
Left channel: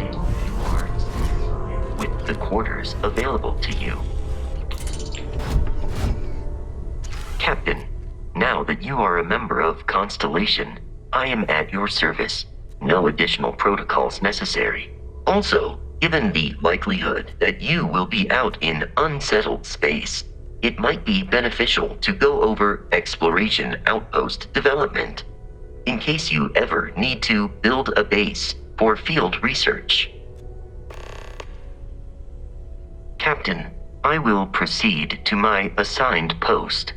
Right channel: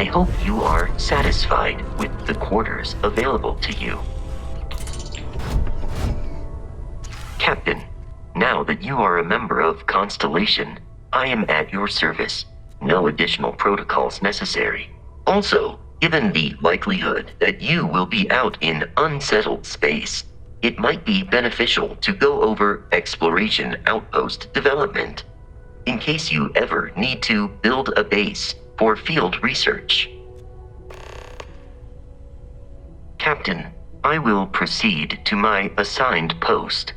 I hope you are satisfied with the quarters available to you. Captain, now that you are a member of Constellation, I am at your service. No additional protocols necessary. Also, given the likelihood that you will be out in unsettled space, it might be beneficial to go over exploration outpost development, in case you ever need to build a base for field research. Captain, I will proceed to my assigned post.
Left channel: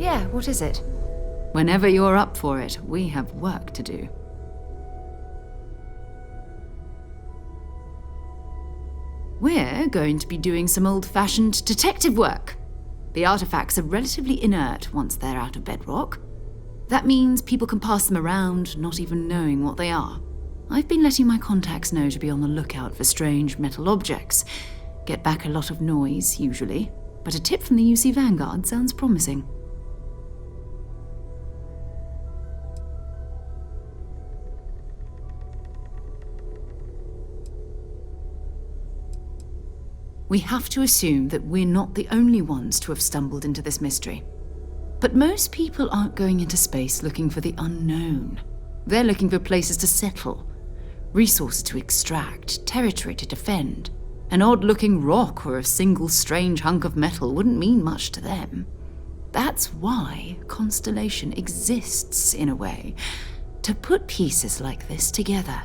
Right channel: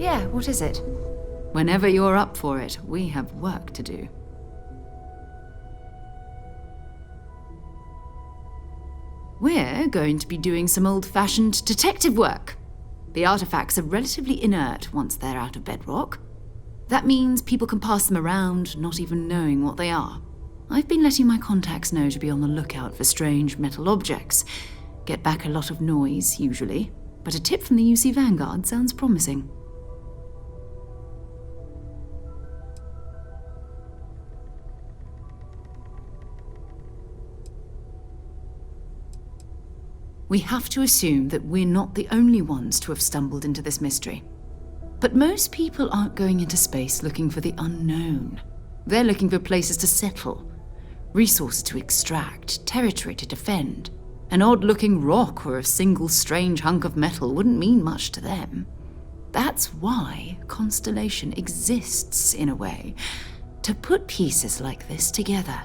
Yeah, what is it? Whenever you're up for it, we have work to do. We're going to be doing some old-fashioned detective work. The artifacts are relatively inert once they're out of bedrock. That means people can pass them around, not even knowing what they are. I've been letting my contacts know to be on the lookout for strange metal objects. Get back a lot of noise, usually, but a tip from the UC Vanguard sounds promising. We have to assume that we're not the only ones to have stumbled into this mystery. But most people aren't going into space looking for the unknown. They're looking for places to settle, resources to extract, territory to defend. An odd-looking rock or a single strange hunk of metal wouldn't mean much to them. That's why Constellation exists, in a way, to put pieces like this together.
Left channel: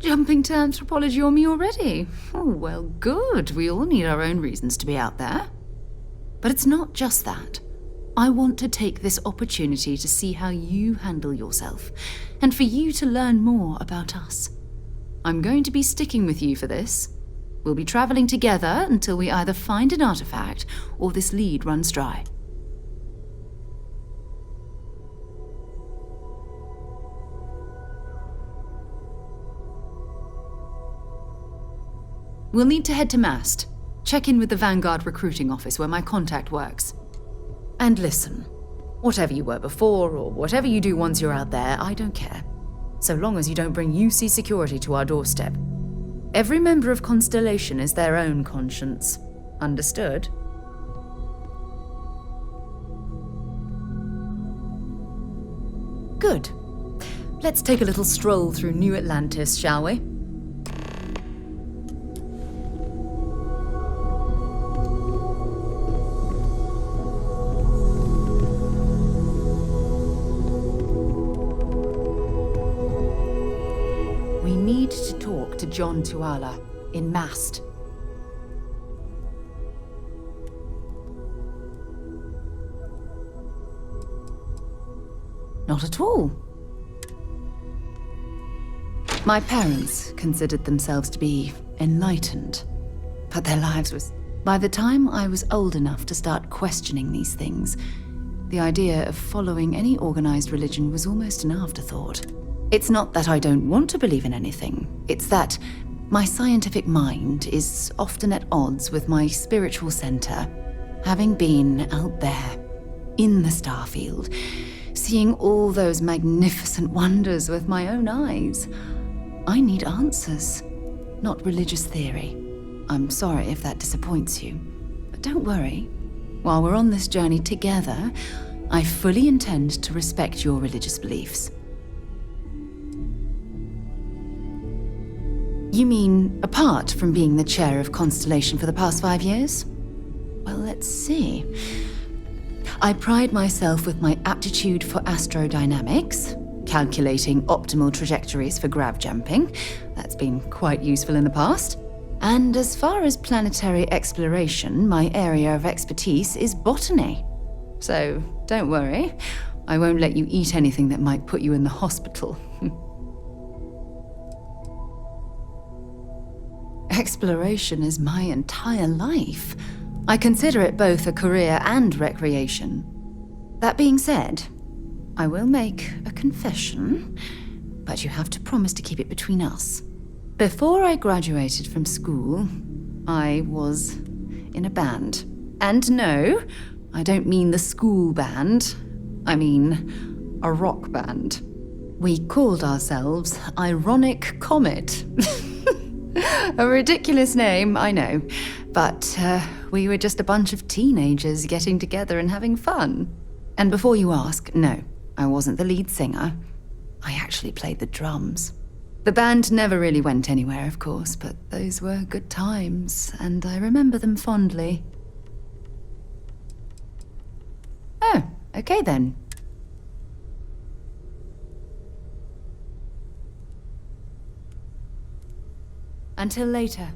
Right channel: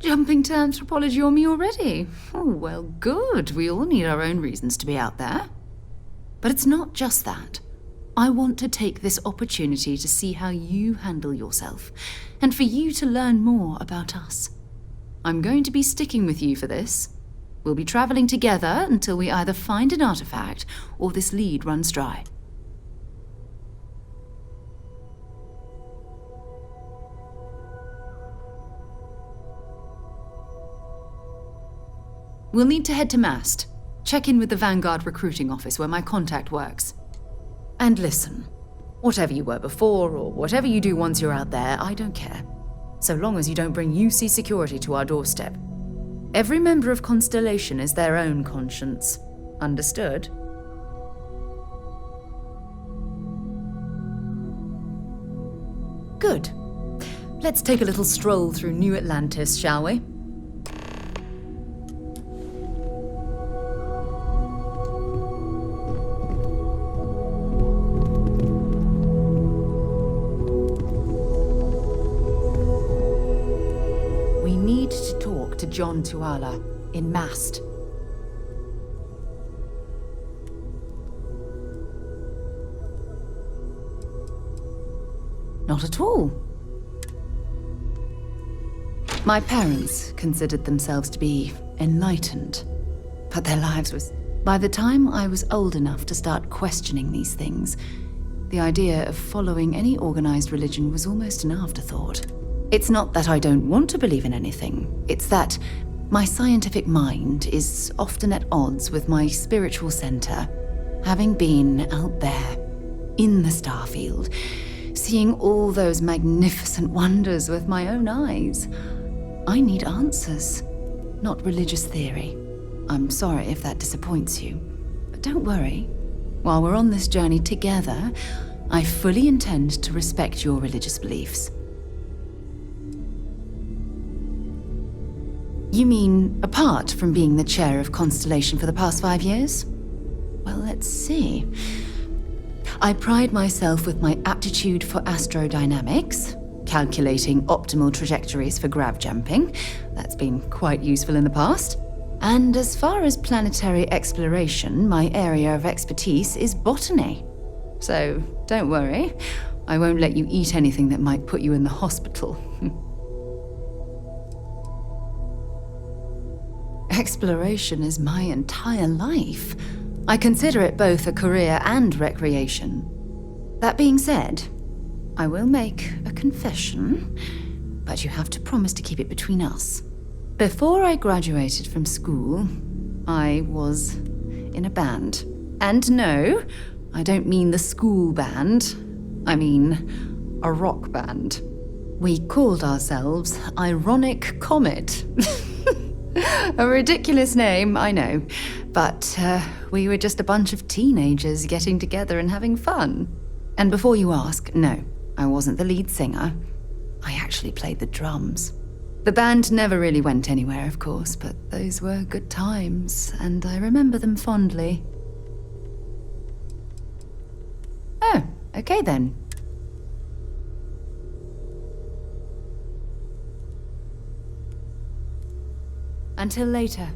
Jumping to anthropology on me already? Oh, well, good. We all need our own reasons to be out there. But it's not just that. I want to take this opportunity to see how you handle yourself, and for you to learn more about us. I'm going to be sticking with you for this. We'll be traveling together until we either find an artifact or this lead runs dry. We'll need to head to Mast. Check in with the Vanguard recruiting office where my contact works. And listen, whatever you were before or whatever you do once you're out there, I don't care. So long as you don't bring UC security to our doorstep. Every member of Constellation is their own conscience. Understood? Good. Let's take a little stroll through New Atlantis, shall we? We need to talk to John Tuala in Mast. Not at all. My parents considered themselves to be enlightened, but their lives was... By the time I was old enough to start questioning these things, the idea of following any organized religion was almost an afterthought. It's not that I don't want to believe in anything. It's that my scientific mind is often at odds with my spiritual center. Having been out there, in the Starfield, seeing all those magnificent wonders with my own eyes, I need answers, not religious theory. I'm sorry if that disappoints you, but don't worry. While we're on this journey together, I fully intend to respect your religious beliefs. You mean, apart from being the chair of Constellation for the past 5 years? Well, let's see. I pride myself with my aptitude for astrodynamics, calculating optimal trajectories for grav jumping. That's been quite useful in the past. And as far as planetary exploration, my area of expertise is botany. So, don't worry. I won't let you eat anything that might put you in the hospital. Exploration is my entire life. I consider it both a career and recreation. That being said, I will make a confession, but you have to promise to keep it between us. Before I graduated from school, I was in a band. And no, I don't mean the school band. I mean a rock band. We called ourselves Ironic Comet. A ridiculous name, I know. But we were just a bunch of teenagers getting together and having fun. And before you ask, no, I wasn't the lead singer. I actually played the drums. The band never really went anywhere, of course, but those were good times, and I remember them fondly. Oh, okay then. Until later.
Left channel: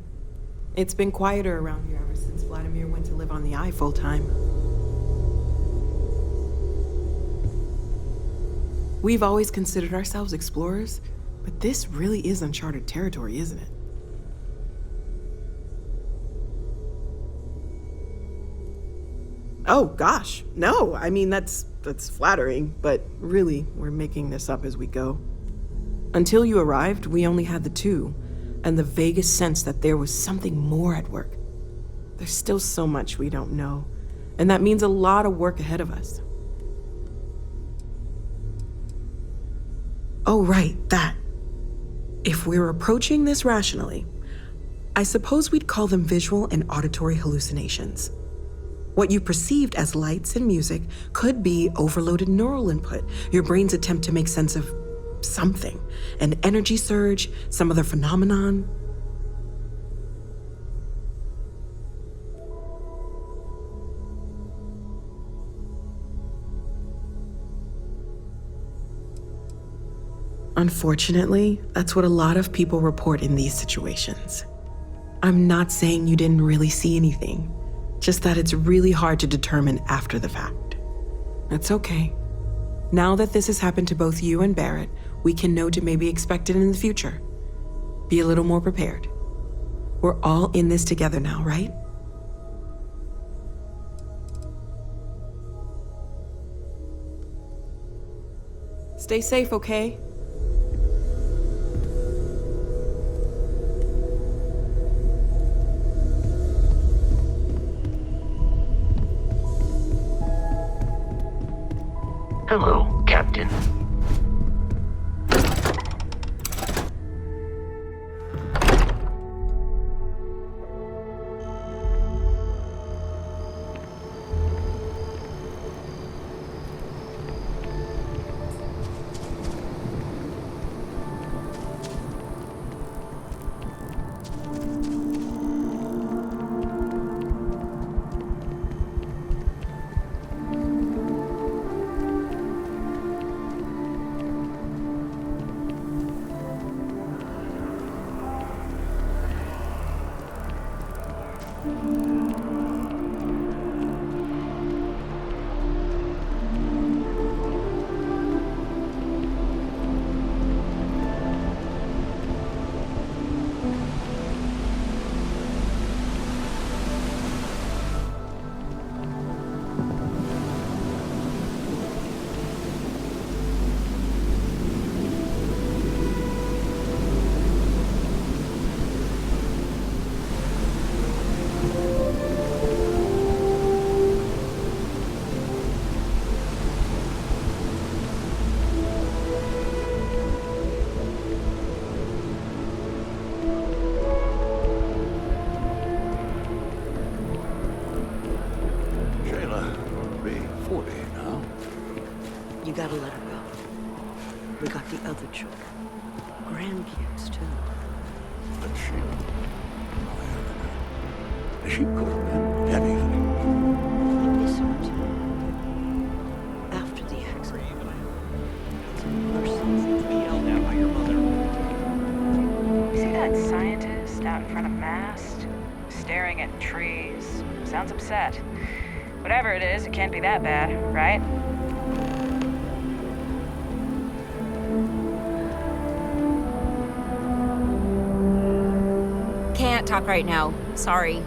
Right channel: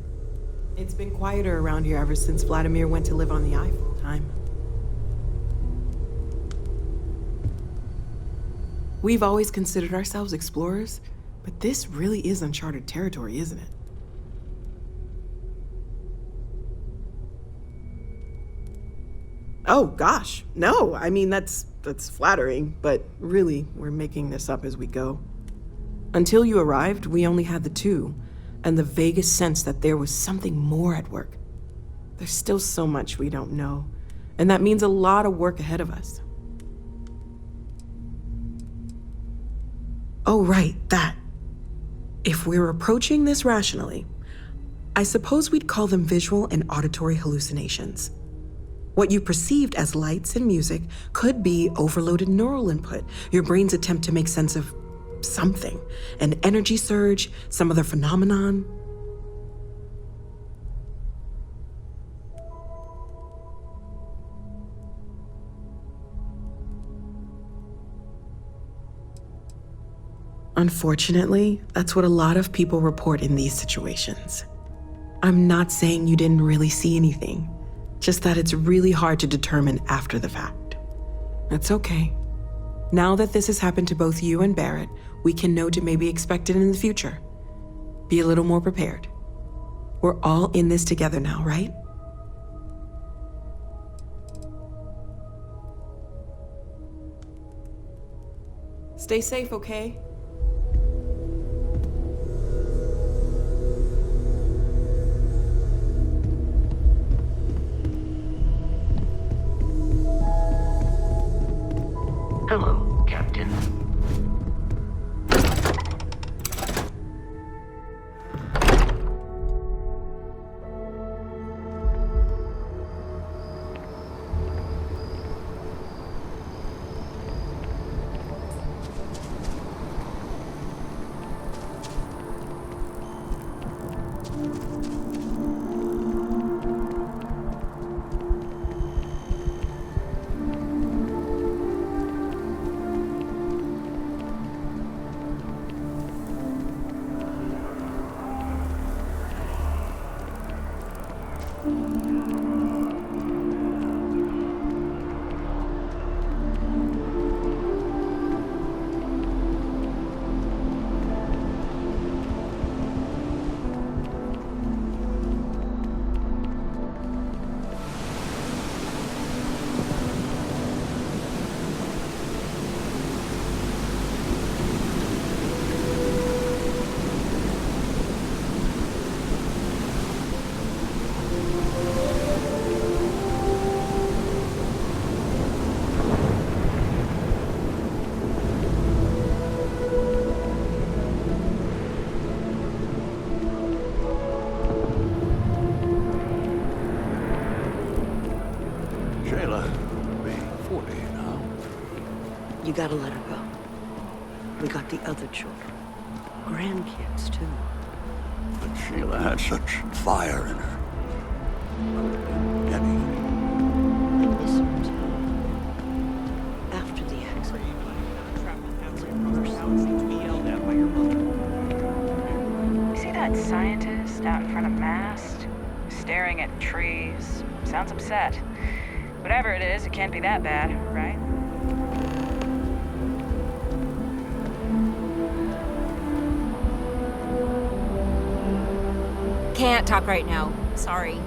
It's been quieter around here ever since Vladimir went to live on the Eye full-time. We've always considered ourselves explorers, but this really is uncharted territory, isn't it? Oh, gosh, no. I mean, that's flattering, but really, we're making this up as we go. Until you arrived, we only had the two, and the vaguest sense that there was something more at work. There's still so much we don't know, and that means a lot of work ahead of us. Oh, right, that. If we're approaching this rationally, I suppose we'd call them visual and auditory hallucinations. What you perceived as lights and music could be overloaded neural input, your brain's attempt to make sense of something, an energy surge, some other phenomenon. Unfortunately, that's what a lot of people report in these situations. I'm not saying you didn't really see anything, just that it's really hard to determine after the fact. That's okay. Now that this has happened to both you and Barrett, we can know to maybe expect it in the future. Be a little more prepared. We're all in this together now, right? Stay safe, okay? Hello, Captain. Shayla will be 40 now. You gotta let her go. We got the other children. Grandkids, too. But Shayla had such fire in her. She could have been anything. I miss her, too. After the accident. It's a mercy to be yelled at by your mother. You see that scientist out in front of Mast? Staring at trees. Sounds upset. Whatever it is, it can't be that bad, right? Can't talk right now. Sorry.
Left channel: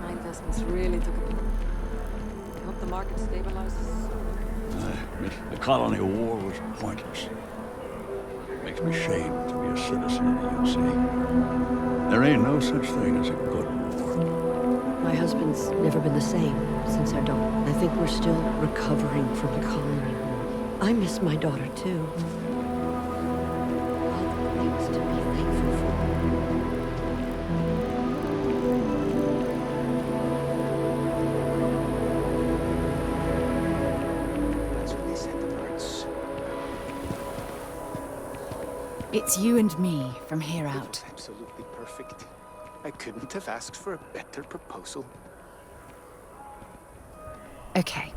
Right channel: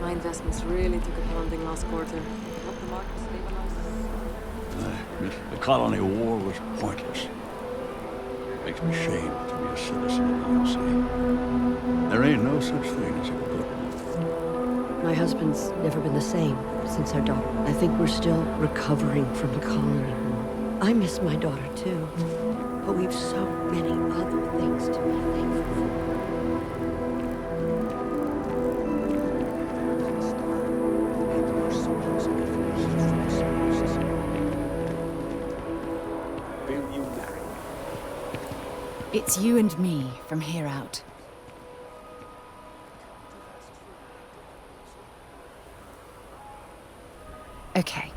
My investments really took a pounding last quarter. I hope the market stabilizes soon. The colony war was pointless. Makes me ashamed to be a citizen of the UC. There ain't no such thing as a good war. My husband's never been the same since our daughter. I think we're still recovering from the colony war. I miss my daughter too, but we've so many other things to be thankful for. It's you and me from here out. Absolutely perfect. I couldn't have asked for a better proposal. Okay.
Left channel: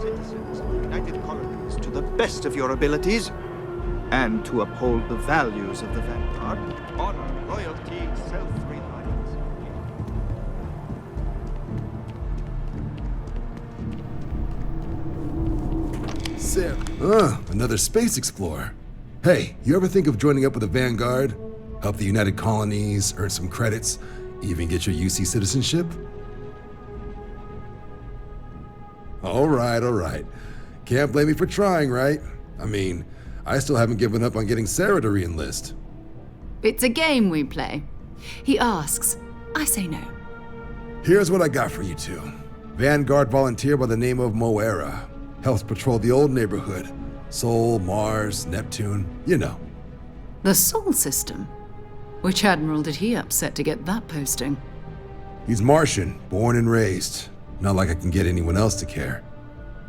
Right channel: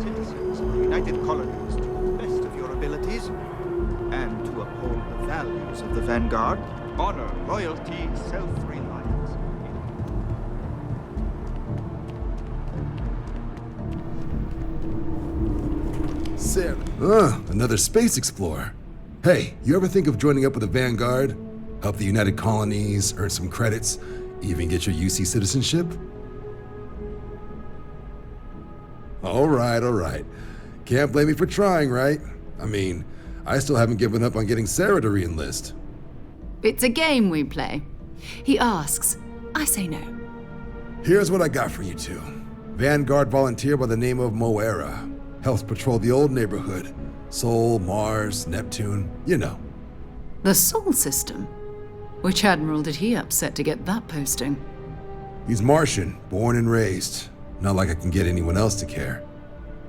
Citizens of the United Colonies to the best of your abilities, and to uphold the values of the Vanguard, honor, loyalty, self-reliance. Sarah. Another space explorer. Hey, you ever think of joining up with the Vanguard? Help the United Colonies, earn some credits, even get your UC citizenship? All right. Can't blame me for trying, right? I mean, I still haven't given up on getting Sarah to re-enlist. It's a game we play. He asks, I say no. Here's what I got for you two. Vanguard volunteer by the name of Moira. Helps patrol the old neighborhood. Sol, Mars, Neptune, you know. The Sol system? Which admiral did he upset to get that posting? He's Martian, born and raised. Not like I can get anyone else to care.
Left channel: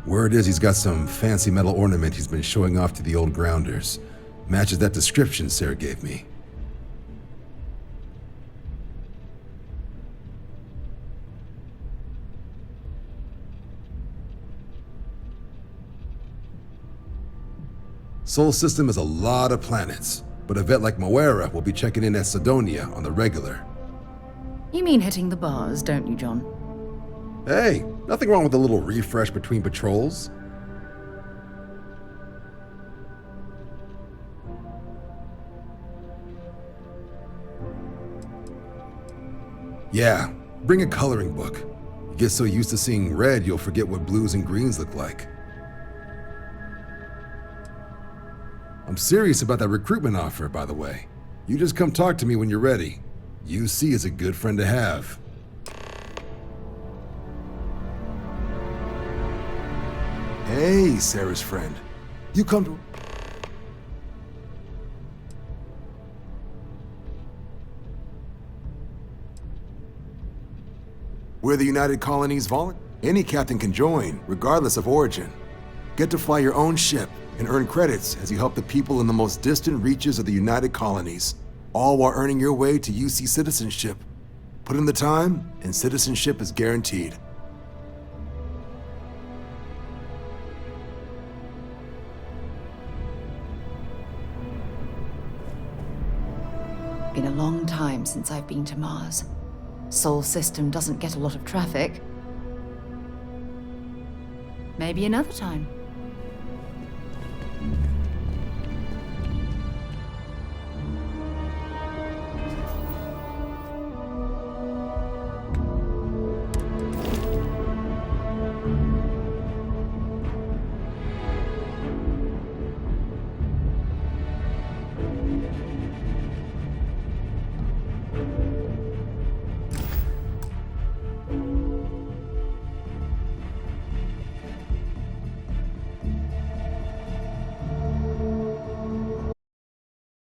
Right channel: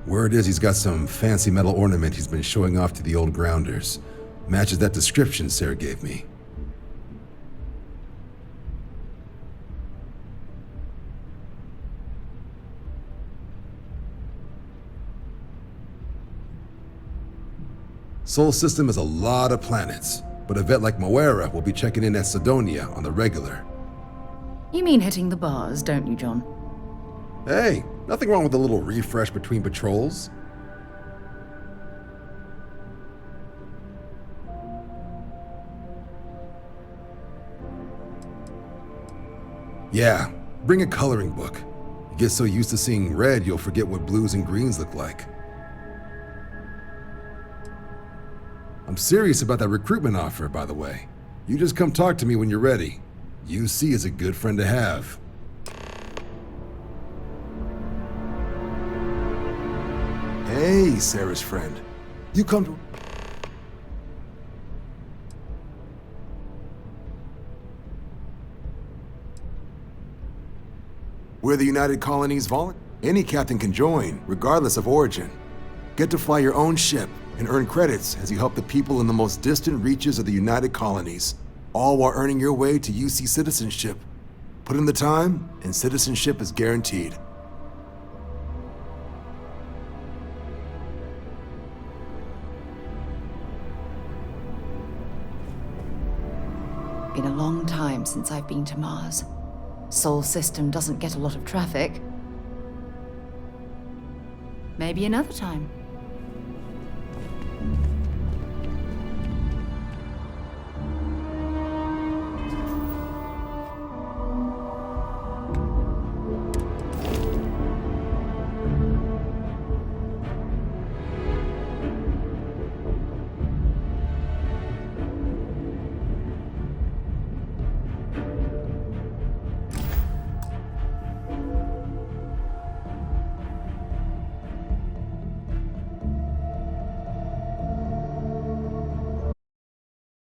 Word is he's got some fancy metal ornament he's been showing off to the old grounders. Matches that description Sarah gave me. Sol system has a lot of planets, but a vet like Moira will be checking in at Sidonia on the regular. You mean hitting the bars, don't you, John? Hey, nothing wrong with a little refresh between patrols. Yeah, bring a coloring book. You get so used to seeing red, you'll forget what blues and greens look like. I'm serious about that recruitment offer, by the way. You just come talk to me when you're ready. UC is a good friend to have. Hey, Sarah's friend. You come to... We're the United Colonies Volunteer. Any captain can join, regardless of origin. Get to fly your own ship and earn credits as you help the people in the most distant reaches of the United Colonies, all while earning your way to UC citizenship. Put in the time, and citizenship is guaranteed. Been a long time since I've been to Mars. Sol system doesn't get a lot of traffic. Maybe another time.